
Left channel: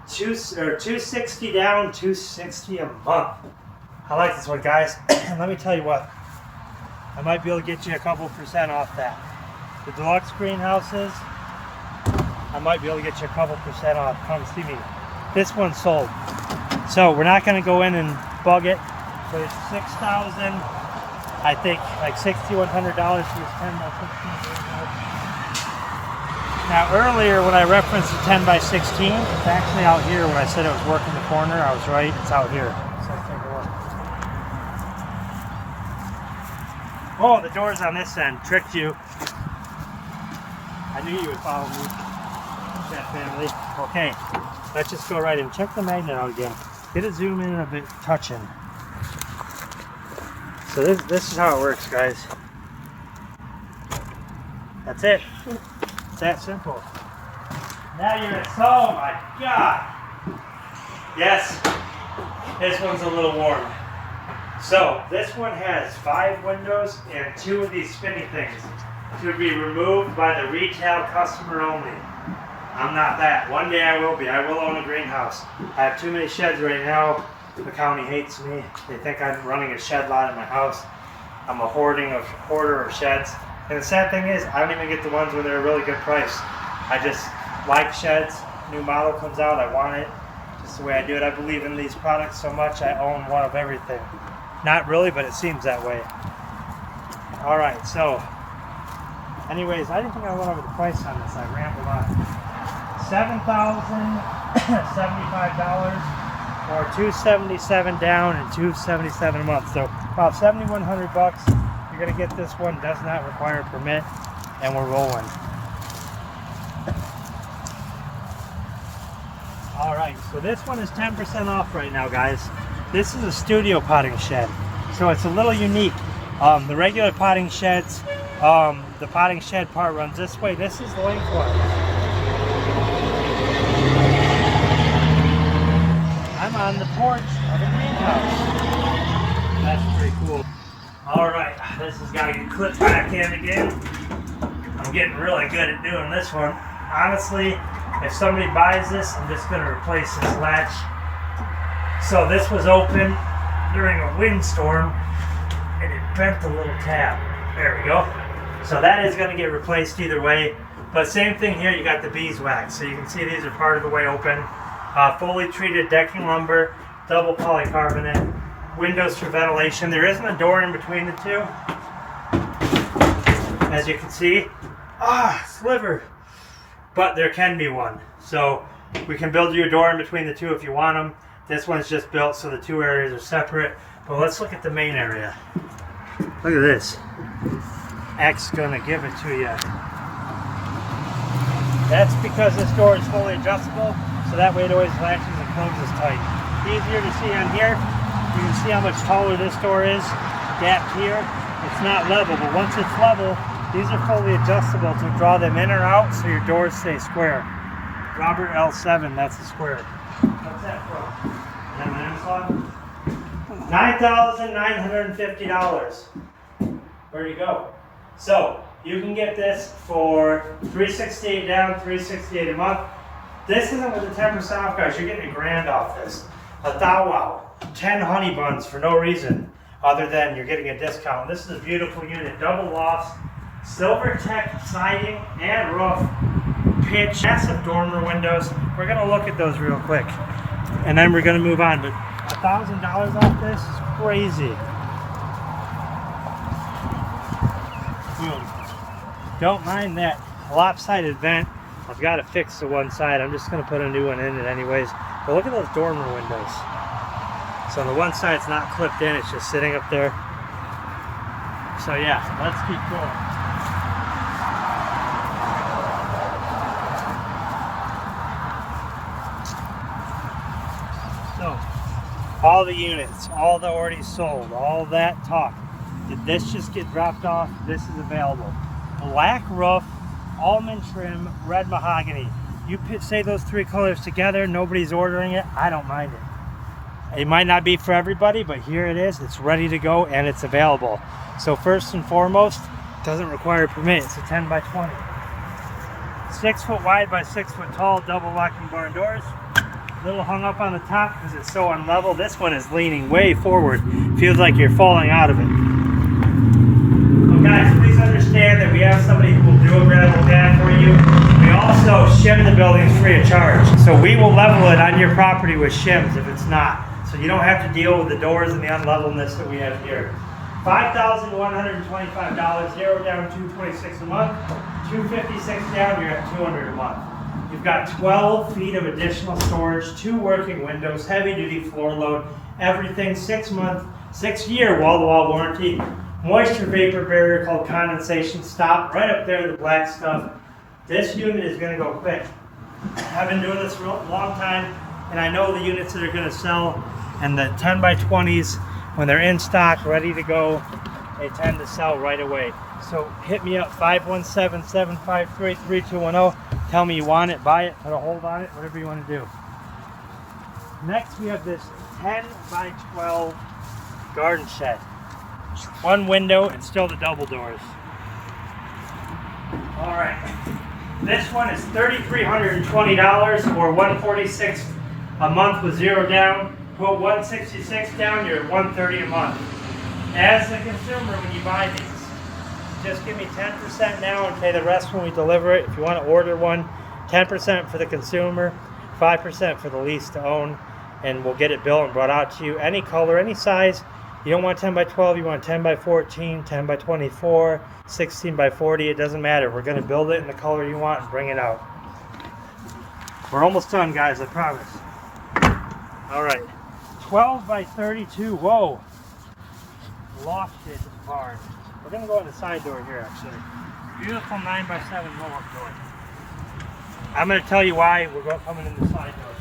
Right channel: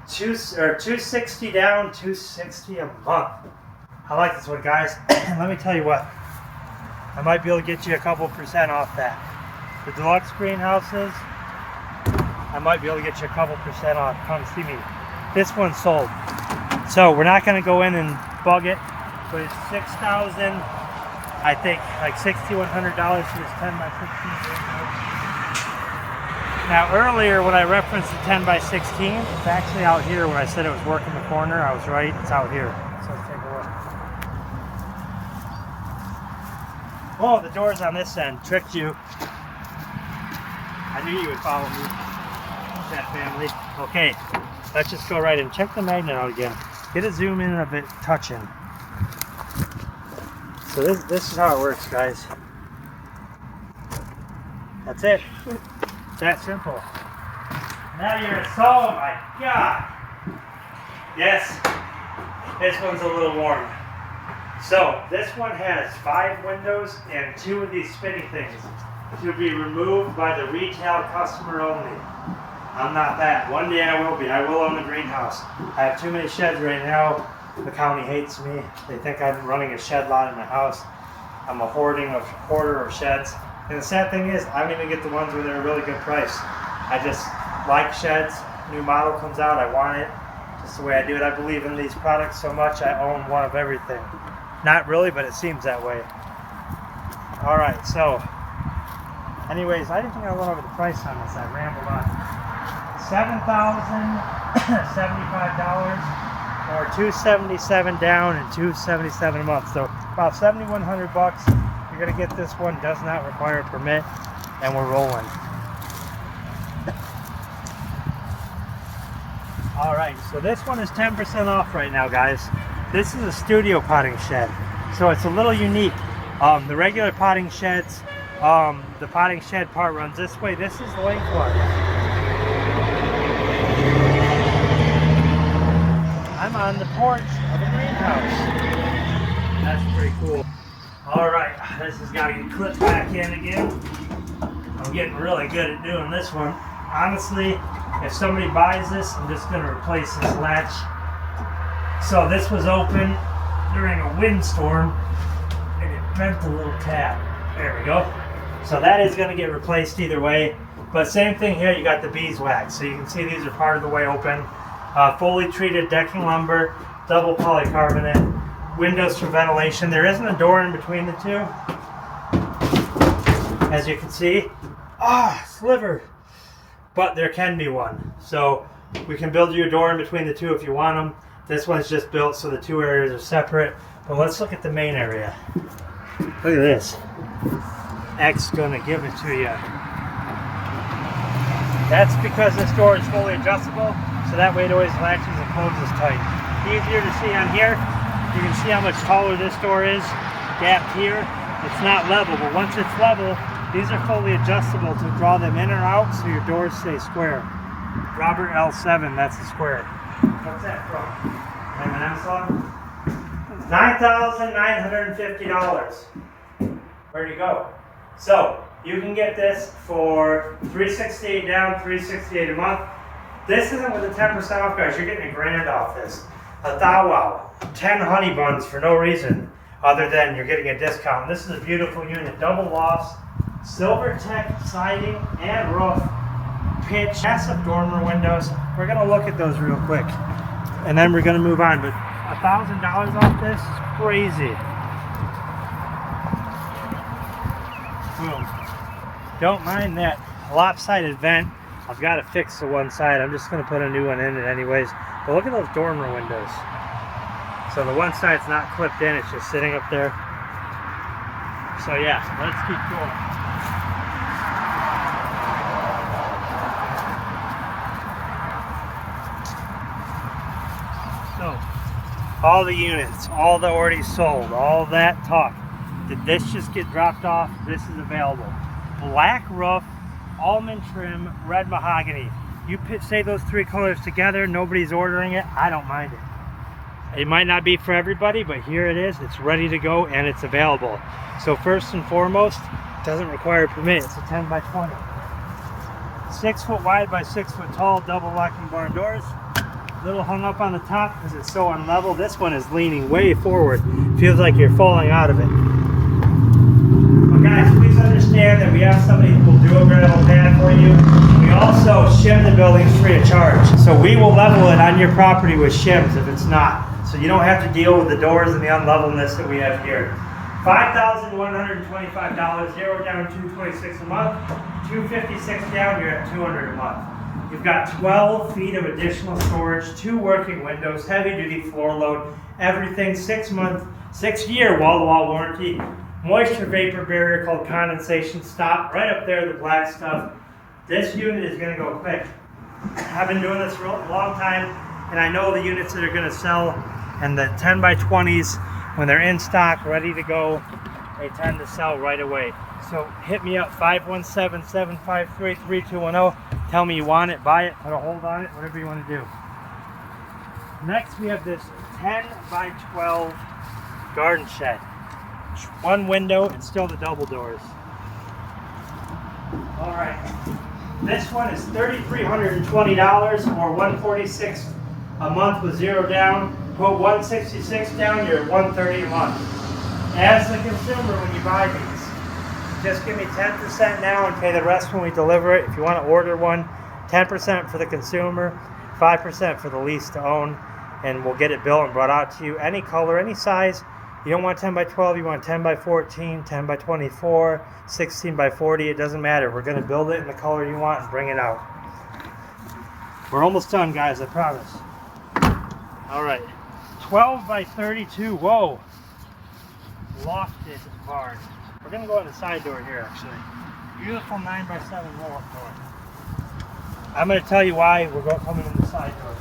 $260 down, $260 a month. I like this one, guys. Let me tell you what. I might be able to get you a couple % off that. The deluxe greenhouses, I might be able to get you a couple % off. Come see me. This one's sold. So we're not going to go in and bug it, but it's $6,000, I think, like $6,100 for this 10 by 16 greenhouse. Now earlier when I referenced the 10 by 16, it's actually out here. When I said it was working the corner, I was right. It's out here. So let's take a look. Oh, the door's on this end. Tricked you. I knew you would follow me. That family. Okay, let's just go right in. Check the magnet out again. Get a zoom in a bit, touching. So this is how it works, guys. That's it. It's that simple. Now you're at, oh my God. Yes, this one's a little warm. So this one has 5 windows and 2 of these spinny things to be removed by the retail customer only. I'm not that. One day I will be. I will own a greenhouse. I have too many sheds right now. The county hates me. They think I'm running a shed lot in my house. I'm a hoarder of sheds. And the sad thing is, I don't even get the ones when they're a really good price. I just like sheds. New model comes out, I want it. Just the way I do it. I believe in these products so much, I own one of everything. Not really, but it seems that way. All right, so anyways, I didn't think I went over the price on this. I rambled on. $7,075 or $277 down and $277 a month. So about $7,100 bucks. You're gonna get this one. Does not require a permit, and we're rolling. All right, so this one is 10% off right now, guys. This is a studio potting shed, so it's a little unique. The regular potting sheds, the potting shed part runs this way. This is the lengthwise. I'm on the porch of a greenhouse. That's pretty cool. All right, this has got to get clipped back in again. I'm getting really good at doing this one. Honestly, if somebody buys this, I'm just going to replace this latch. So this was open during a windstorm and it bent the little tab. There we go. So that is going to get replaced either way. But same thing here, you got the beeswax. So you can see these are part of the way open. Fully treated decking lumber, double polycarbonate, windows for ventilation. There isn't a door in between the two. As you can see, sliver. But there can be one. So we can build you a door in between the two if you want them. This one's just built so the 2 areas are separate. But let's look at the main area. Look at this. X's gonna give it to you. That's because this door is fully adjustable, so that way it always latches and closes tight. Easier to see on here. You can see how much taller this door is. Gapped here. It's not level, but once it's level, these are fully adjustable to draw them in or out so your doors stay square. Robert L7, that's the square. What's that from? An M&M song? $9,950. Where'd you go? So, you can get this for $368 down, $368 a month. This isn't with the 10% off, guys. You're getting $1,000 off this. A thou wow. 10 honey buns for no reason other than you're getting a discount. This is a beautiful unit. Double lofts, silver tech siding and roof, pitch, massive dormer windows. We're going to look at those real quick and then we're going to move on. But $1,000 off this is crazy. Boom. Don't mind that lopsided vent. I've got to fix the one side. I'm just going to put a new one in it anyways. But look at those dormer windows. So the one side's not clipped in, it's just sitting up there. So yeah, let's keep going. So, all the units, all the already sold, all that talk. Did this just get dropped off? This is available. Black roof, almond trim, red mahogany. You say those 3 colors together, nobody's ordering it, I don't mind it. It might not be for everybody, but here it is. It's ready to go and it's available. So first and foremost, it doesn't require a permit. It's a 10 by 20. 6 foot wide by 6 foot tall, double locking barn doors. A little hung up on the top because it's so unlevel. This one is leaning way forward. Feels like you're falling out of it. But guys, please understand that we have somebody who will do a gravel pad for you. We also shim the buildings free of charge. So we will level it on your property with shims if it's not. So you don't have to deal with the doors and the unlevelness that we have here. $5,125, 0 down, $226 a month. $256 down, you're at $200 a month. You've got 12 feet of additional storage, 2 working windows, heavy duty floor load, everything, 6-year wall-to-wall warranty, moisture vapor barrier called condensation stop, right up there, the black stuff. This unit is gonna go quick. I've been doing this for a long time, and I know the units that are gonna sell, and the 10 by 20s, when they're in stock, ready to go, they tend to sell right away. So hit me up, 517-753-3210. Tell me you want it, buy it, put a hold on it, whatever you want to do. Next, we have this 10 by 12 garden shed. One window and still the double doors. All right, this one is $3,320 or $146 a month with 0 down. Put $166 down, you're at $130 a month. As the consumer, when you buy these, just give me 10% now and pay the rest when we deliver it. If you want to order one, 10% for the consumer, 5% for the lease to own, and we'll get it built and brought out to you. Any color, any size. You don't want 10 by 12, you want 10 by 14, 10 by 24, 16 by 40, it doesn't matter. We're going to build it in the color you want and bring it out. We're almost done, guys, I promise. All right, 12 by 32, whoa. Lofted barn. We're going to go on the side door here, actually. Beautiful 9 by 7 roll-up door. I'm going to tell you why we're coming in the side door.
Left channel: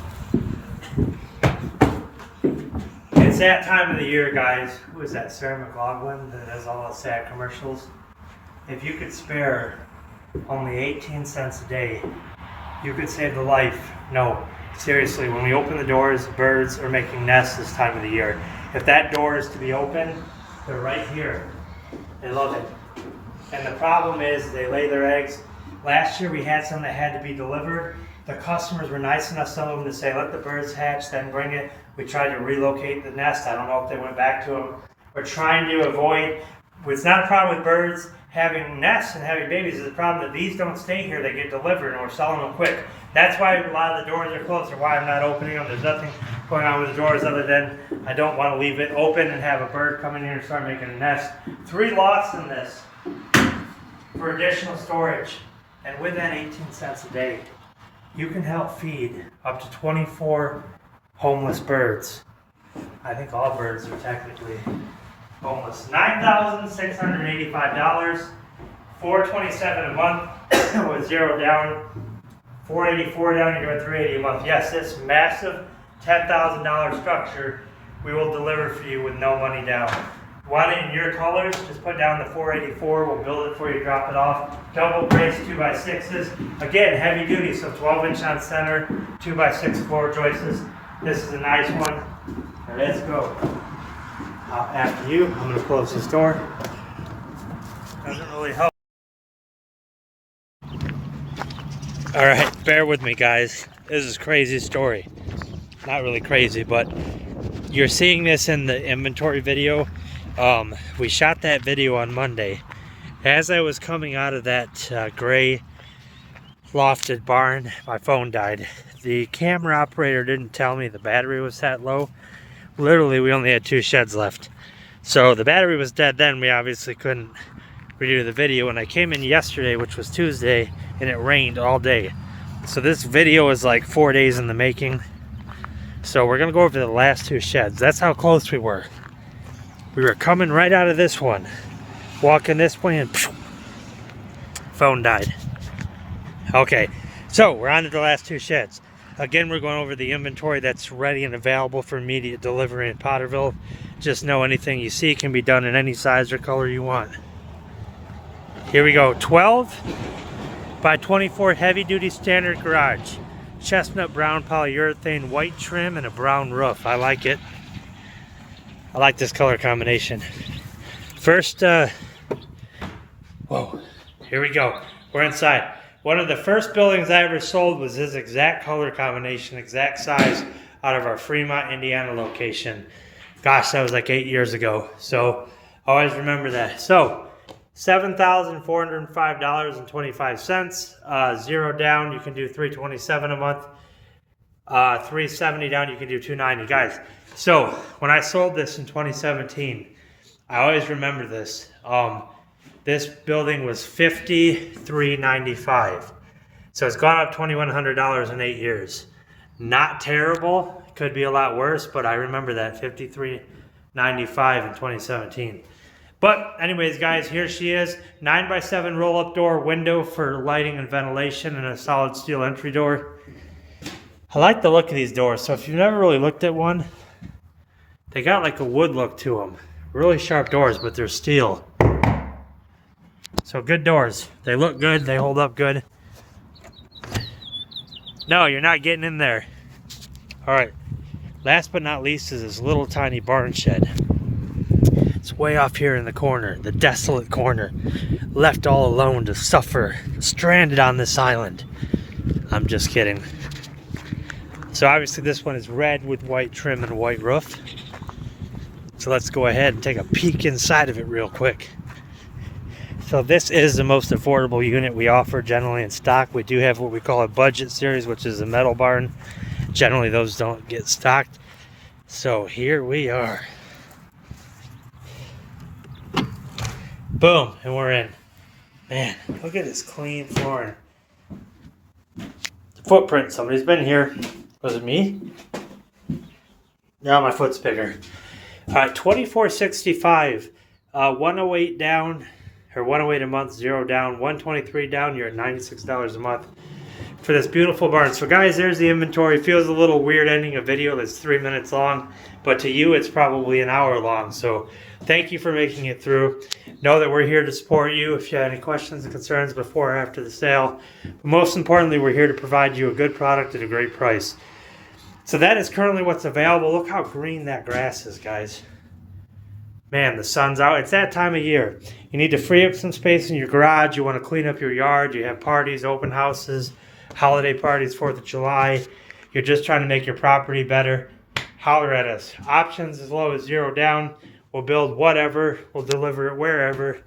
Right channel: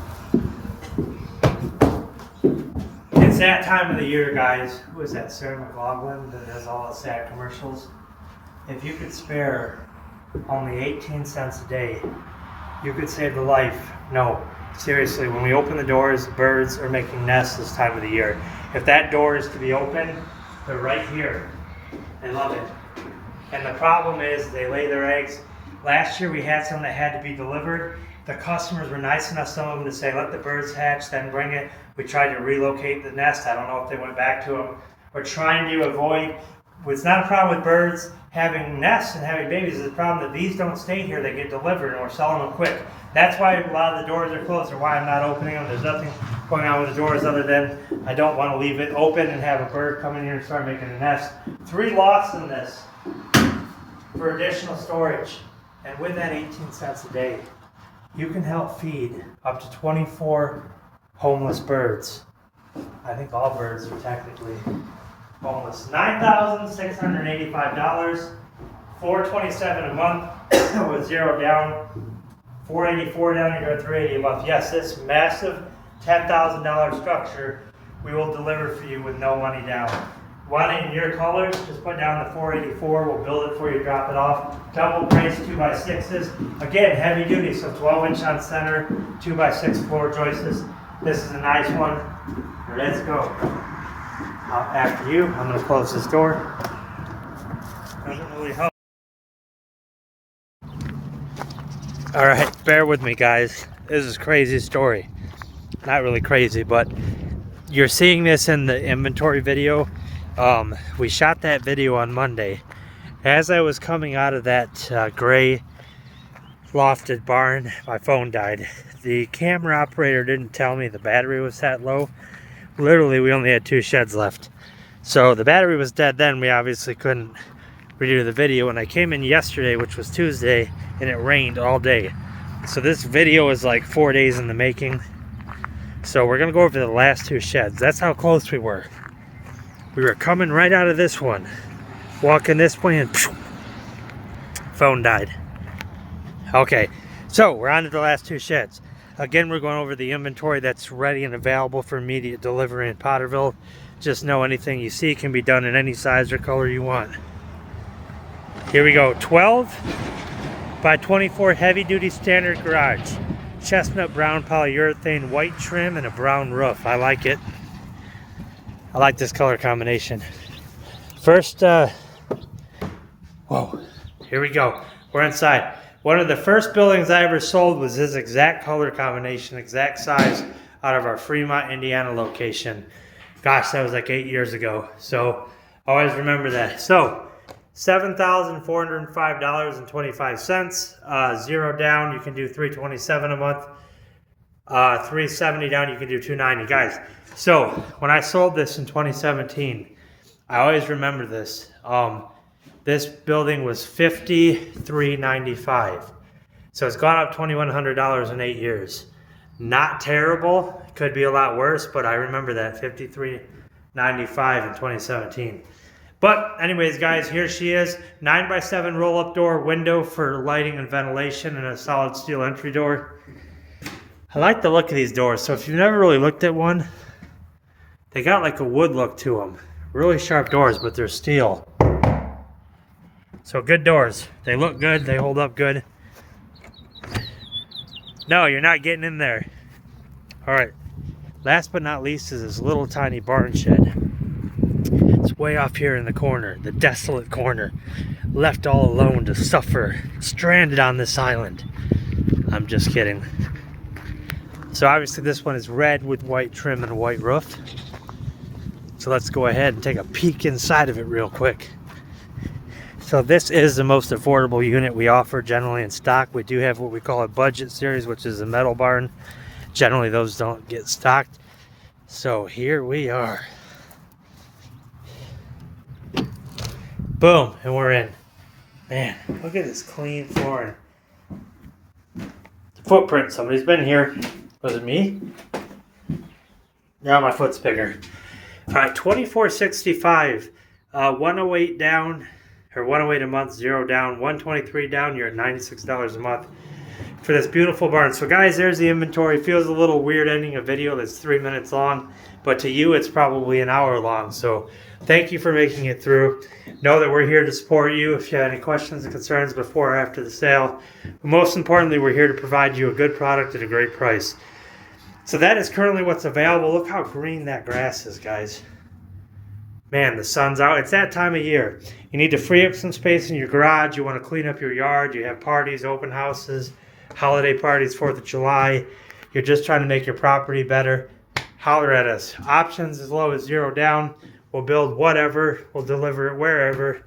It's that time of the year, guys. Who is that? Sarah McLaughlin that does all the sad commercials. If you could spare only 18 cents a day, you could save the life. No, seriously, when we open the doors, birds are making nests this time of the year. If that door is to be open, they're right here. They love it. And the problem is they lay their eggs. Last year we had some that had to be delivered. The customers were nice enough, some of them, to say, let the birds hatch, then bring it. We tried to relocate the nest. I don't know if they went back to them. We're trying to avoid, it's not a problem with birds having nests and having babies. It's a problem that these don't stay here. They get delivered and we're selling them quick. That's why a lot of the doors are closed, or why I'm not opening them. There's nothing going on with the doors other than I don't want to leave it open and have a bird come in here and start making a nest. 3 lots in this for additional storage. And with that 18 cents a day, you can help feed up to 24 homeless birds. I think all birds are technically homeless. $9,685, $427 a month with 0 down, $484 down, you're doing $380 a month. Yes, this massive $10,000 structure we will deliver for you with no money down. Want it in your colors, just put down the $484, we'll build it for you, drop it off. Double braced 2x6s. Again, heavy duty, so 12-inch on center, 2x6 floor joists. This is a nice one. Let's go. After you, I'm going to close this door. Doesn't really help. All right, bear with me, guys. This is a crazy story. Not really crazy, but you're seeing this in the inventory video. We shot that video on Monday. As I was coming out of that gray lofted barn, my phone died. The camera operator didn't tell me the battery was that low. Literally, we only had 2 sheds left. So the battery was dead then. We obviously couldn't redo the video. And I came in yesterday, which was Tuesday, and it rained all day. So this video is like 4 days in the making. So we're gonna go over the last 2 sheds. That's how close we were. We were coming right out of this one, walking this way, and phone died. Okay, so we're on to the last 2 sheds. Again, we're going over the inventory that's ready and available for immediate delivery in Potterville. Just know anything you see can be done in any size or color you want. Here we go, 12 by 24 heavy duty standard garage. Chestnut brown polyurethane, white trim, and a brown roof. I like it. I like this color combination. First, whoa, here we go. We're inside. One of the first buildings I ever sold was this exact color combination, exact size, out of our Fremont, Indiana location. Gosh, that was like 8 years ago. So always remember that. So $7,405.25. 0 down, you can do $327 a month. $370 down, you can do $290. Guys, so when I sold this in 2017, I always remember this. This building was $53.95. So it's gone up $2,100 in 8 years. Not terrible. Could be a lot worse, but I remember that $53.95 in 2017. But anyways, guys, here she is. 9 by 7 roll-up door, window for lighting and ventilation, and a solid steel entry door. I like the look of these doors. So if you've never really looked at one, they got like a wood look to them. Really sharp doors, but they're steel. So good doors. They look good. They hold up good. No, you're not getting in there. All right. Last but not least is this little tiny barn shed. way off here in the corner, the desolate corner, left all alone to suffer, stranded on this island. I'm just kidding. So obviously this one is red with white trim and a white roof. So let's go ahead and take a peek inside of it real quick. So this is the most affordable unit we offer generally in stock. We do have what we call a budget series, which is a metal barn. Generally those don't get stocked. So here we are. Boom, and we're in. Man, look at this clean flooring. The footprint, somebody's been here. Was it me? Now my foot's bigger. All right, $24.65, 108 down, or 108 a month, 0 down, 123 down. You're at $96 a month for this beautiful barn. So guys, there's the inventory. Feels a little weird ending a video that's 3 minutes long, but to you it's probably an hour long. So thank you for making it through. Know that we're here to support you if you have any questions and concerns before or after the sale. But most importantly, we're here to provide you a good product at a great price. So that is currently what's available. Look how green that grass is, guys. Man, the sun's out. It's that time of year. You need to free up some space in your garage. You want to clean up your yard. You have parties, open houses, holiday parties, 4th of July. You're just trying to make your property better. Holler at us. Options as low as 0 down. We'll build whatever. We'll deliver it wherever.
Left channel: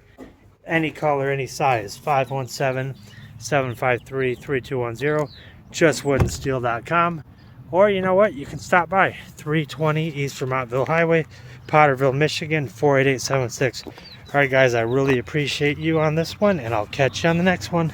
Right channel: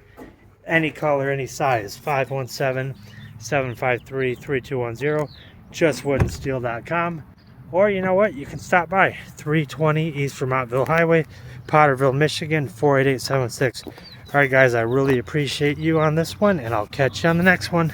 Any color, any size. 517-753-3210. JustWoodandSteel.com. Or you know what? You can stop by 320 East Vermontville Highway, Potterville, Michigan, 48876. All right, guys, I really appreciate you on this one, and I'll catch you on the next one.